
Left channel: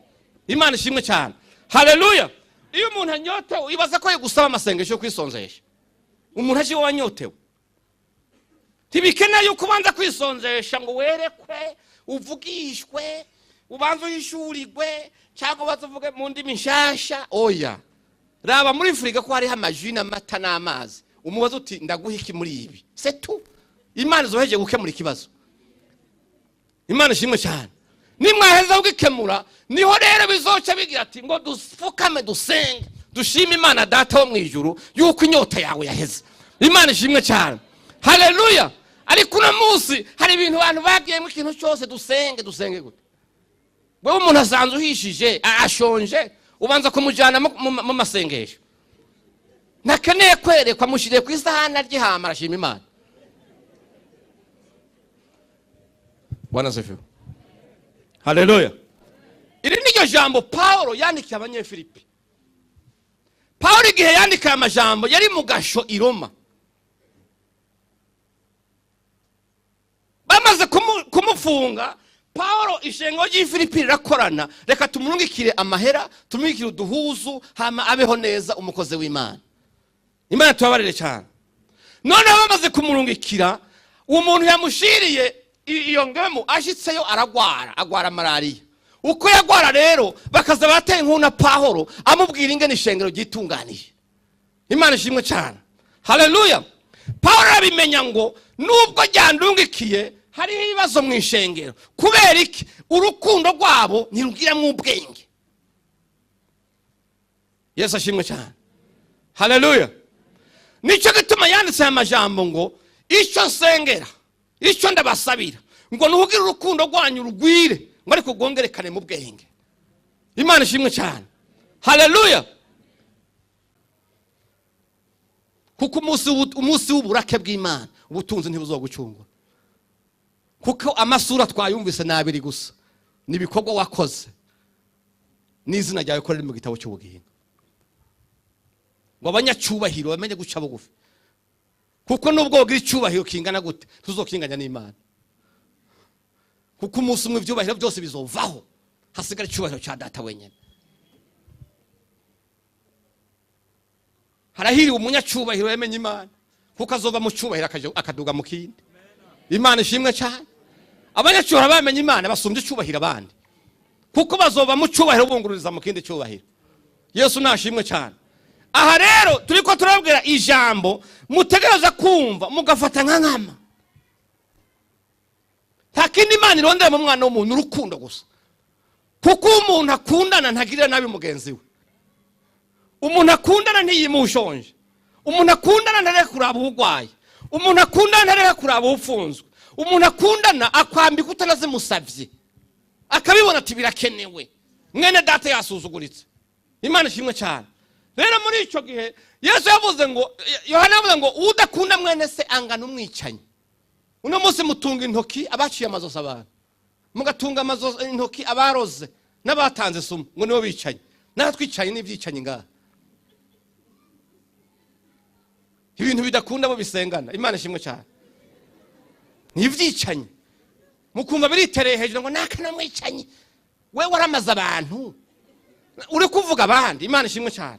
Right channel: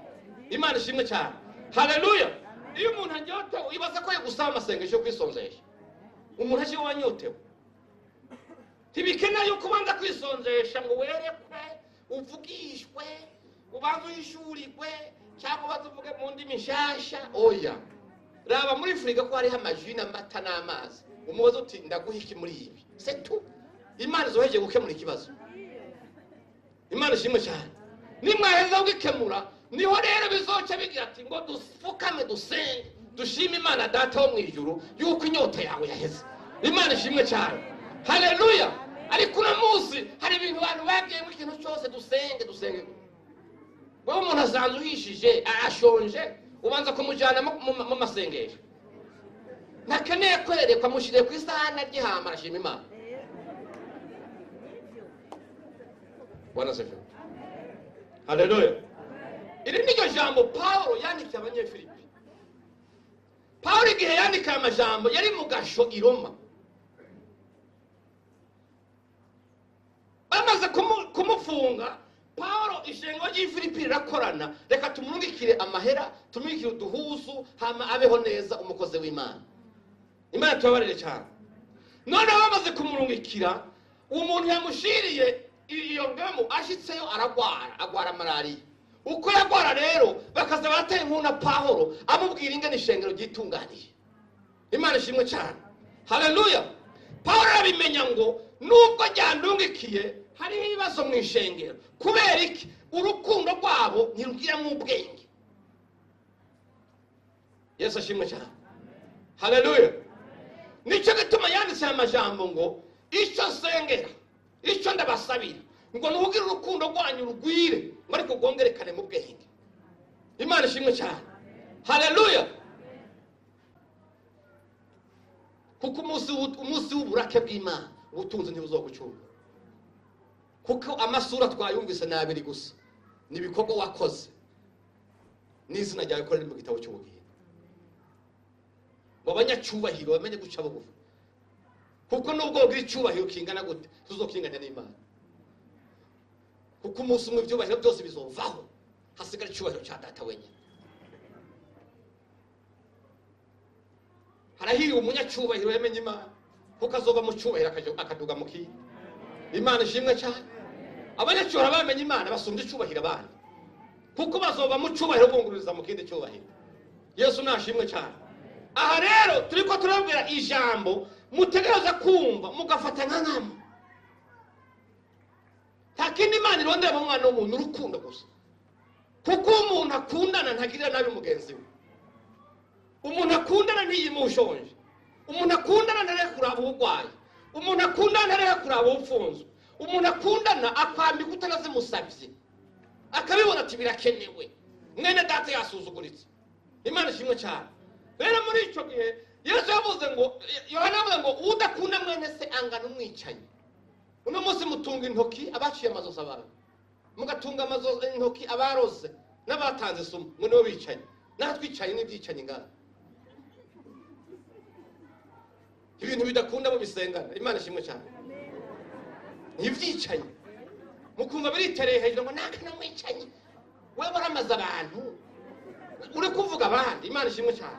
Imana ishimwe cyane. Haleluya. Iyo umuntu anyotewe ibaza ko yegusaba amasengesho yo kwisonzesha. Umuntu aje wanyotewe. Tibikeneye yuko ubanza kwisonzesha ngo werekwe, uvugishwe, ubanza uyishurirwe, cyangwa bazuvuge mu ndimi nshasha. Oya. Raba muri Afrika ko hari amajwi n'amata n'amazi. Umubazo uti ndaguha iki muri ibi. C'est tout. Imana zoheje gukemura ikibazo. Imana ishimwe cyane. Nimwaheza ugikemura niho rero bizoca bigira ati ngo dufukame dusenge dushime Imana data wo mwijuru yuko inyota yawe yaheze. Imana ishimwe cyane. Haleluya. Ariko uno munsi hari ibintu abantu bagiye mu kintu cyose dusenge gute. Wewe umuntu asanzwe uhishije ashonje ubanza kumujyana mu masengesho. Nakeneye kwerekwa mushire ku isahani ry'ihama arashima Imana. Bwana asifiwe. Haleluya. Iri niryo jambo Paulo yandikiye abanyefilipi. Paulo igihe yandika amajambo yari mu gasho i Roma. Bamaze kumufunga, Paulo ishengo ry'Ifilipi rirakorana, reka tumurungikire amahera, tumurungikire uduhuzu, hama abeho neza umukozi w'Imana. Imana tubabarire cyane. Noneho bamaze kumurungikira, umuntu yamushiriye iyo ngemu ashitseyo agwara malaria. Uko yagwara rero bakaza bateye nkuna Paulo amubwira ingene ishengero gitunganije. Imana ishimwe cyane. Haleluya. Paulo abimenya ngo nubwo ryandungikiye hari ibibazo mu ishengero. Kubera iki? Urukundo rwabo ntirugira mu ubwenge. Yesu ashimwe cyane. Haleluya. Nico gituma yanditse amajambo ngo icyo sengera, icyo ndabasabira ngo nuhugira urukundo rwanyu rugwire ngo ariko gongerekane mu bwenge. Imana ishimwe cyane. Haleluya. Kuko umunsi w'uburake bw'Imana ubutunzi ntibuzogucunga. Kuko amasura twayumvise nabiri gusa nibikorwa wakoze n'izina ryawe ko riri mu gitabo cy'ubugingo. Ngo abanyacyubahiro bamenye guca bugufi. Kuko nubwo wogira icyubahiro kingana gute tuzokinganya n'Imana. Kuko umunsi umwe ibyubahiro byose bizovaho hasigara icyubahiro cya data wenyine. Harahiriwe umunyacyubahiro yamenye Imana kuko azoba mu cyubahiro akaduga mu kindi. Imana ishimwe cyane. Abanyacyubahiro bamenye Imana basumbye icyubahiro abandi kuko bazoba mu cyubahiro bungururiza mu kindi cyubahiro. Yesu nashimwe cyane. Aha rero turiko turabwira ijambo mutegereza kumva mugafata nk'ankama. Takindi Imana irondera mu mwana w'umuntu urukundo gusa. Kuko umuntu akundana ntagirira nabi mugenzi we. Umuntu akundana ntiyimushonje. Umuntu akundana ntareka kuraba ubugwayi. Umuntu akundana ntareka kuraba ufunzwe. Umuntu akundana akwambika utanazimusavye. Akabibona ati birakenewe. Mwene data yasuzuguritse. Imana ishimwe cyane. Rero muri ico gihe Yesu yavuze ngo Yohana yavuze ngo udakunda mwene se angana umwicanyi. Uno munsi mutunga intoki abaciye amazosi abantu. Mugatunga amazosi intoki abaroze n'abatanze sumu ngo nibo bicaye. Natwicaye n'ivyicanyi ngaha. Ibintu bidakunda bo bisengana. Imana ishimwe cyane. Nivyicanyi. Mukumva biritereye hejuru ngo nakana mwicanyi. We waramaza abantu. Uri kuvuga abandi. Imana ishimwe cyane.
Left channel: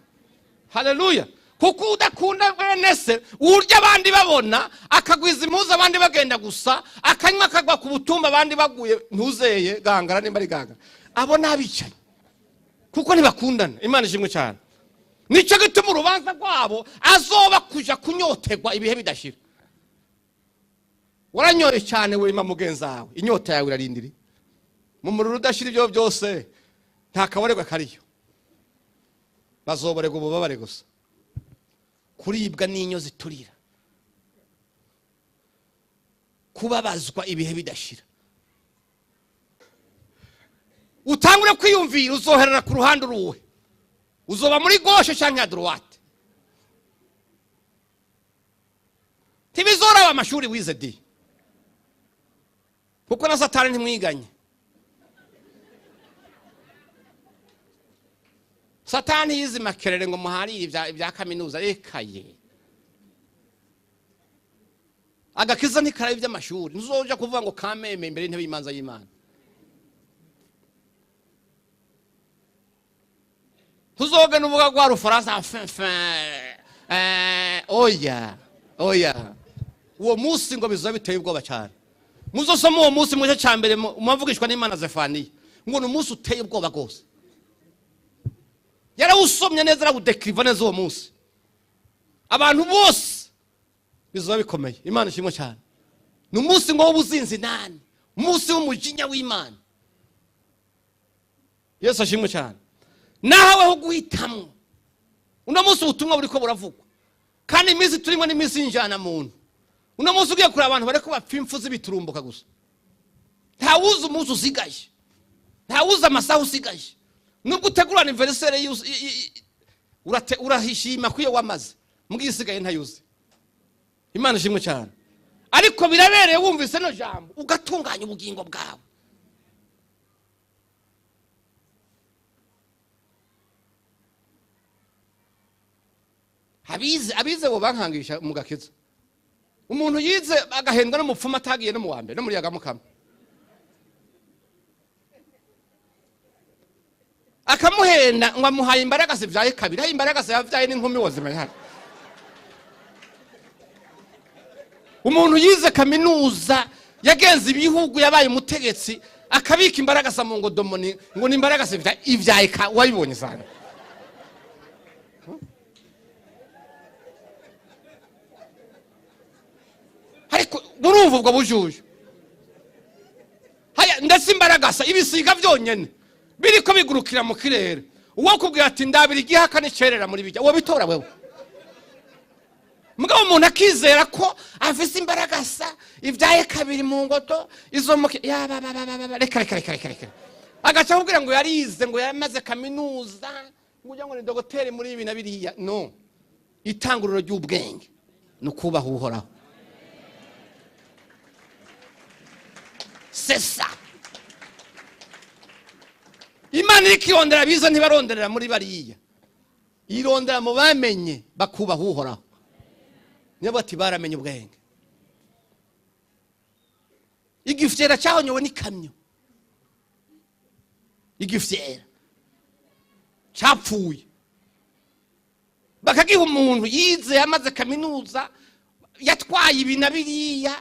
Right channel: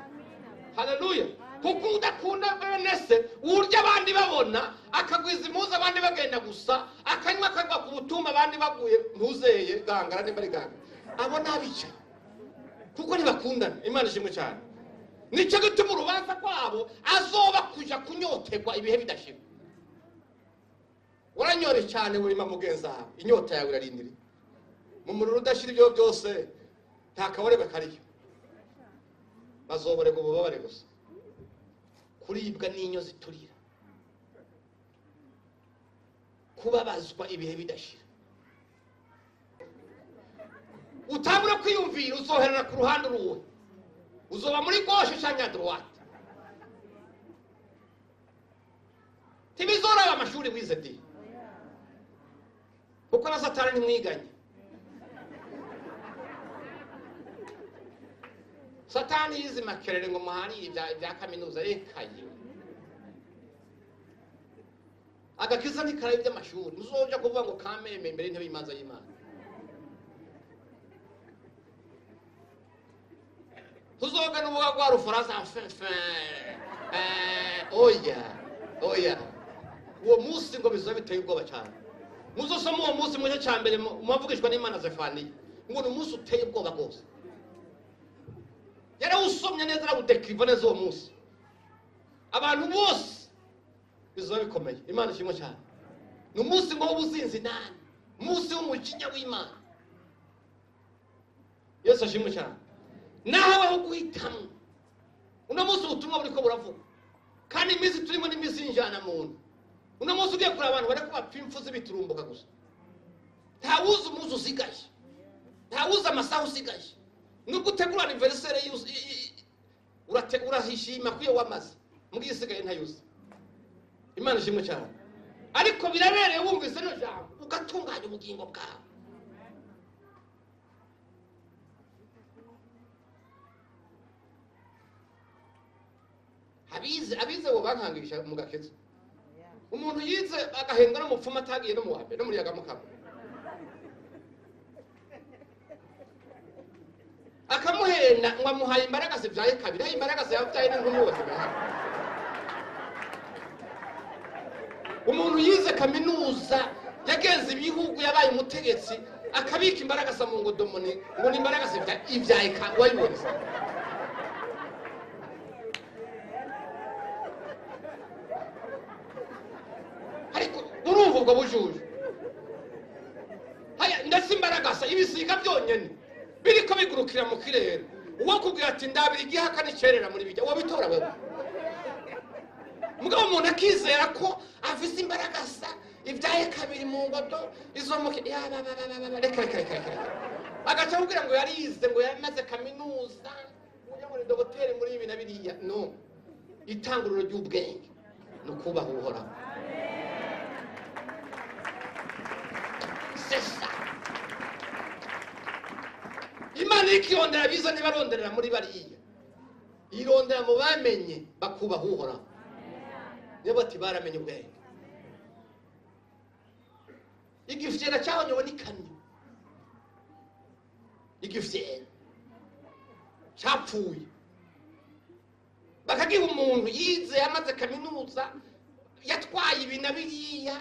Haleluya. Kuko udakunda bene se urya abandi babona akagwiza impuzu abandi bagenda gusa akanywa akagwa ku butumba abandi baguye ntuzeye gangara nimba ari gangara. Abo nabicaye. Kuko ntibakundana. Imana ishimwe cyane. Nico gituma urubanza rwabo azoba kuja kunyoterwa ibihe bidashira. Waranyore cyane wema mugenzi wawe. Inyota yawe irarindiri. Mu mururu udashira ibyo byose nta kaborerwa kariyo. Bazoborerwa ububabare gusa. Kuribwa n'inyo ziturira. Kubabazwa ibihe bidashira. utangure kwiyumvira uzoherera ku ruhande uruwe, uzoba muri gauche cyangwa droite. Tibizora amashuri wize di, kuko na Satani ntimwiganye. Satani yize makerere ngo muhari ibya kaminuza ekaye. Agakiza ni kare by'amashuri, ntuzoja kuvuga ngo kameme imbere ntebe imanza y'Imana. Tuzoga nuvuga kwa Rufaransa oya. Uwo munsi ngo bizoba biteye ubwoba cyane. Muzosoma uwo munsi mu gice cya mbere umuvugishwa n'Imana Zefaniya ngo ni umunsi uteye ubwoba rwose. Yarawusomye neza arawudekriva neza uwo munsi. Abantu bose bizoba bikomeye. Imana ishimwe cyane. Ni umunsi ngo w'ubuzinzi nani, umunsi w'umujinya w'Imana. Yesu ashimwe cyane. Nawe ho guhitamo. Uno munsi ubutumwa buriko buravuga. Kandi iminsi turimo ni iminsi y'injana muntu. Uno munsi ugiye kuri abantu bareko bapfa impfu z'ibiturumbuka gusa. Ntawuzi umunsi usigaje. Ntawuzi amasaha usigaje. Nubwo utegura anniversaire urahishima kuyo wamaze. Mugisigaye ntayuzi. Imana ishimwe cyane. Ariko birabereye wumvise no jambo ugatunganya ubugingo bwawe. Abize bo bankangisha mu gakiza. Umuntu yize agahendwa no mupfuma atagiye no mu wambe no muri yagamukama. Akamuhenda ngo amuhaye imbaraga zivyaye kabiri, haye imbaraga zavyaye n'inkumi wozima hano. Umuntu yize kaminuza yagenze ibihugu yabaye umutegetsi akabika imbaraga sa mu ngodomoni ngo ni imbaraga zivyaye ivyaye wayibonye sana. Burumva ubwo bujuje. Haya ndetse imbaraga sa ibisiga byonyene biriko bigurukira mu kirere. Uwo kubwira ati ndabira igihaka n'icerera muri bijya. Uwo bitora wewe. Mugabo umuntu akizera ko afise imbaraga sa ivyaye kabiri mu ngodo izo mu ya reka. Agaca kubwira ngo yarize ngo yamaze kaminuza ngo ngo ni dogiteri muri ibi na biriya. No. Itanguriro ry'ubwenge no kubaha Uhoraho. Sesa. Imana ikirondera biza ntibaronderera muri bariya. Irondera mu bamenye bakubaha Uhoraho. Niyo bati baramenye ubwenge. Igifyera cyahonyowe n'ikamyo. Igifyera cyapfuye. Bakagiha umuntu yize yamaze kaminuza yatwaye ibina biriya.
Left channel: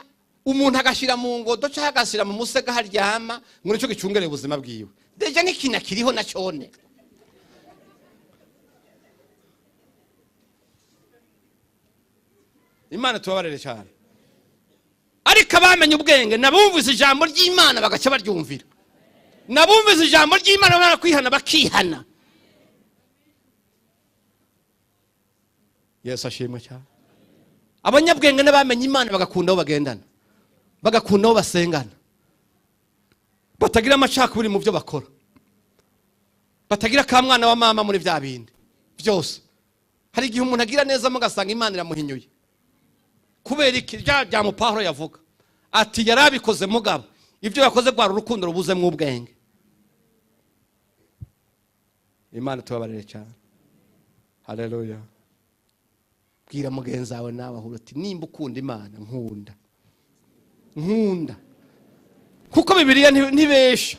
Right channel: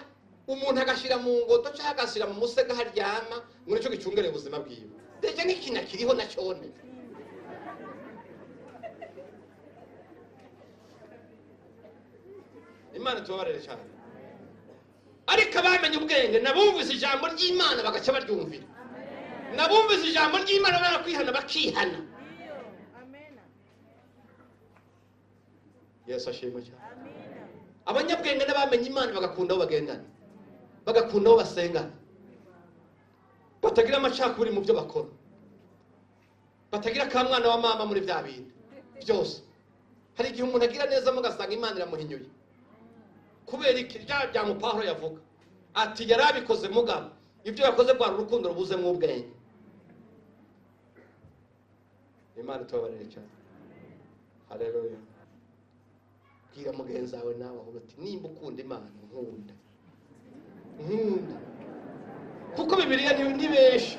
Umuntu agashira mu ngodo cyangwa agashira mu musega haryama ngo nicyo gicungere ubuzima bwiwe. Deje n'ikina kiriho na cyone. Imana tubabarire cyane. Ariko abamenye ubwenge nabumvise ijambo ry'Imana bagaca baryumvira. Nabumvise ijambo ry'Imana barakwihana bakihana. Yesu ashimwe cyane. Abanyabwenge n'abamenye Imana bagakunda aho bagendana. Bagakunda aho basengana. Batagira amacakubiri mu byo bakora. Batagira ka mwana wa mama muri vya bindi byose. Hari igihe umuntu agira neza mugasanga Imana iramuhinyuye. Kubera iki bya mu Pawulo yavuga ati yarabikoze mugabo ibyo yakoze kwa urukundo rubuze mu ubwenge. Imana tubabarire cyane. Haleluya. Bwira mugenzi wawe nawe ahura ati nimba ukunda Imana nkunda kuko Bibiliya ntibesha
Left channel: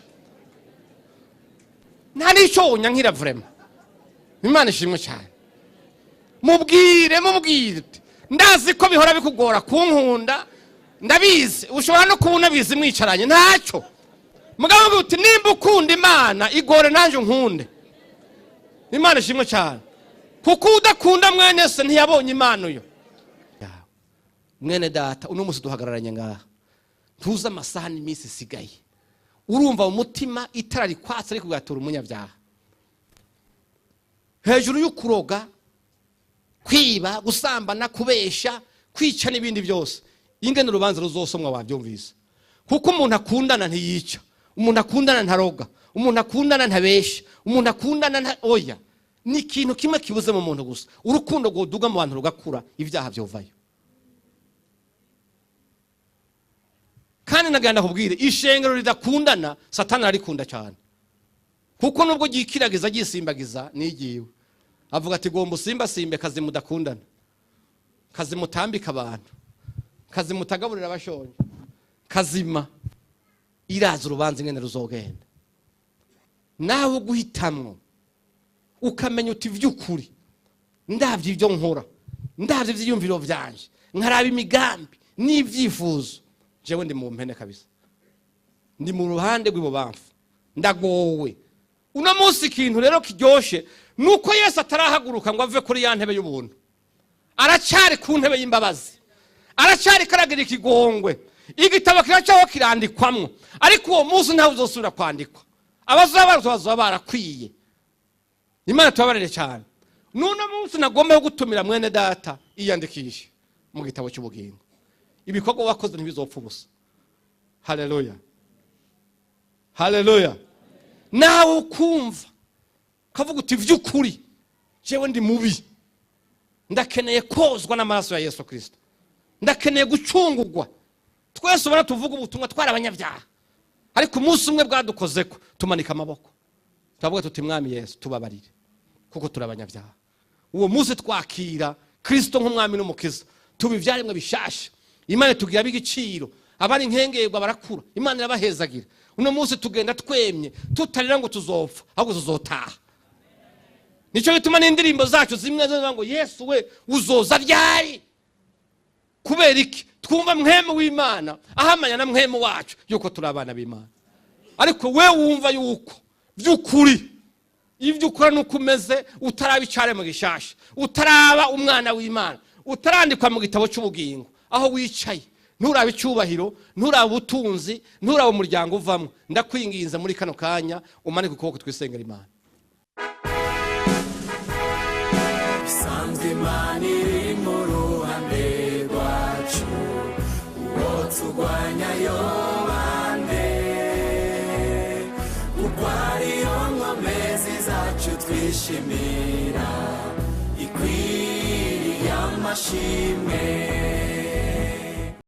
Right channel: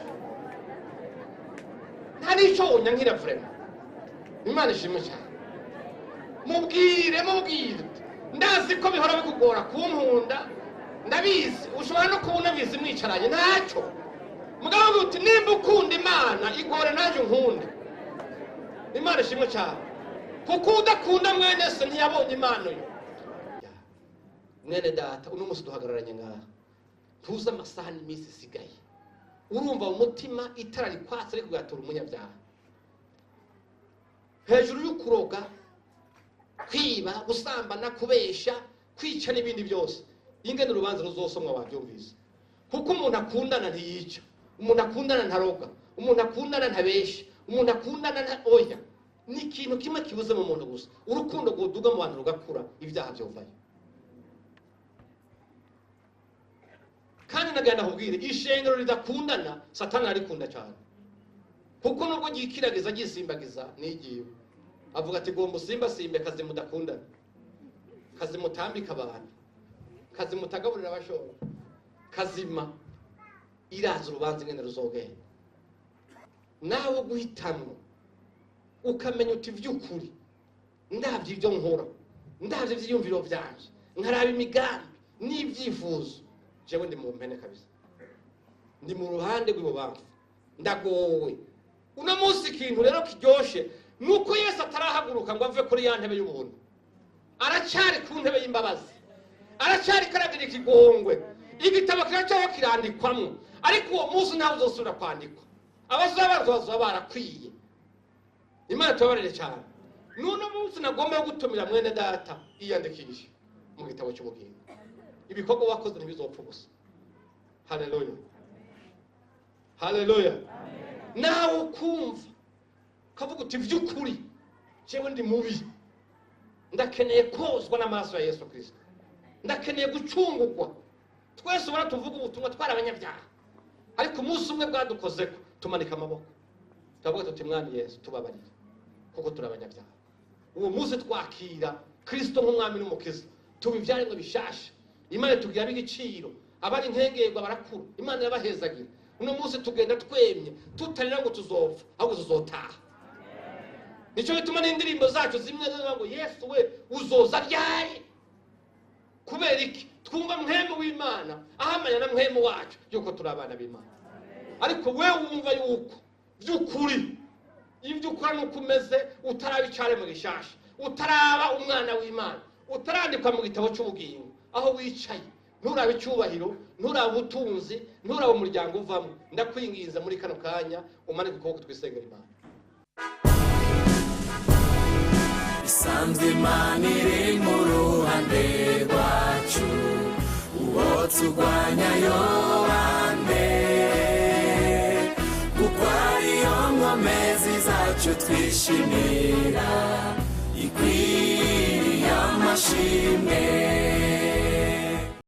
nta nico nyankira vraiment. Imana ishimwe cyane. Mubwire ndazi ko bihora bikugora kunkunda ndabizi ushobora no kubona bizi mwicaranye ntacyo mugabo uti nimba ukunda Imana igore nanje nkunde. Imana ishimwe cyane kuko udakunda mwene se ntiyabonye Imana uyo. Mwene data uno musi duhagararanye ngaha tuza amasaha n'imisi sigaye urumva mu mutima itara rikwatse ariko gatura umunyabyaha hejuru y'ukuroga kwiba gusambana kubesha kwica n'ibindi byose. Ingene urubanza ruzosomwa wabyumvise kuko umuntu akundana ntiyica, umuntu akundana ntaroga, umuntu akundana ntabesha, umuntu akundana oya, ni ikintu kimwe kibuze mu muntu gusa, urukundo rwoduga mu bantu rugakura, ibyaha byovayo. Kandi nagenda kubwire, ishengero ridakundana Satani arikunda cyane, kuko nubwo gikiragiza gisimbagiza nigiwe, avuga ati gomba simbe kazi mudakundana, kazi mutambika abantu, kazi mutagaburira abashonje, kazima iraza urubanza ingene ruzogenda. Nawe guhitamwo ukamenya uti vy'ukuri ndavye ibyo nkora, ndavye ivyiyumviro vyanje, nkaraba imigambi n'ivyifuzo, jewe ndi mu mpene kabisa, ndi mu ruhande rw'ibubamfu, ndagowe. Uno munsi ikintu rero kiryoshe nuko Yesu atarahaguruka ngo ave kuri ya ntebe y'ubuntu, aracari ku ntebe y'imbabazi, aracari karagira ikigongwe, igitabo kiracaho kirandikwamwo, ariko uwo munsi ntawe uzosubira kwandikwa, abazoba barakwiye. Imana tubabarire cyane. Nuno munsi nagomba gutumira mwene data iyandikishe mu gitabo cy'ubugingo, ibikorwa wakoze ntibizopfa ubusa. Haleluya, haleluya. Nawe ukumva kavuga uti vy'ukuri jewe ndi mubi, ndakeneye kozwa n'amaraso ya Yesu Kristo, ndakeneye gucungurwa. Twese ubona tuvuga ubutumwa twari abanyabyaha, ariko umunsi umwe bwadukozeko tumanika amaboko, turavuga tuti mwami Yesu tubabarire kuko turi abanyabyaha. Uwo munsi twakira Kristo nk'umwami n'umukiza, tuba ivyaremwe bishasha, Imana tugira bigiciro, abari nkengerwa barakura, Imana irabahezagira. Uno munsi tugenda twemye, tutarira ngo tuzopfa, ahubwo tuzotaha. Nico bituma n'indirimbo zacu zimwe zo ngo Yesu we uzoza ryari. Kubera iki? Twumva mwemu w'Imana ahamanya na mwemu wacu yuko turi abana b'Imana. Ariko we wumva yuko vy'ukuri ivyo ukora nuko umeze, utaraba icare mu gishasha, utaraba umwana w'Imana, utarandikwa mu gitabo cy'ubugingo, aho wicaye nturaba icyubahiro, nturaba ubutunzi, nturaba umuryango uvamo, ndakwinginza muri kano kanya umanike ukuboko twisengera Imana.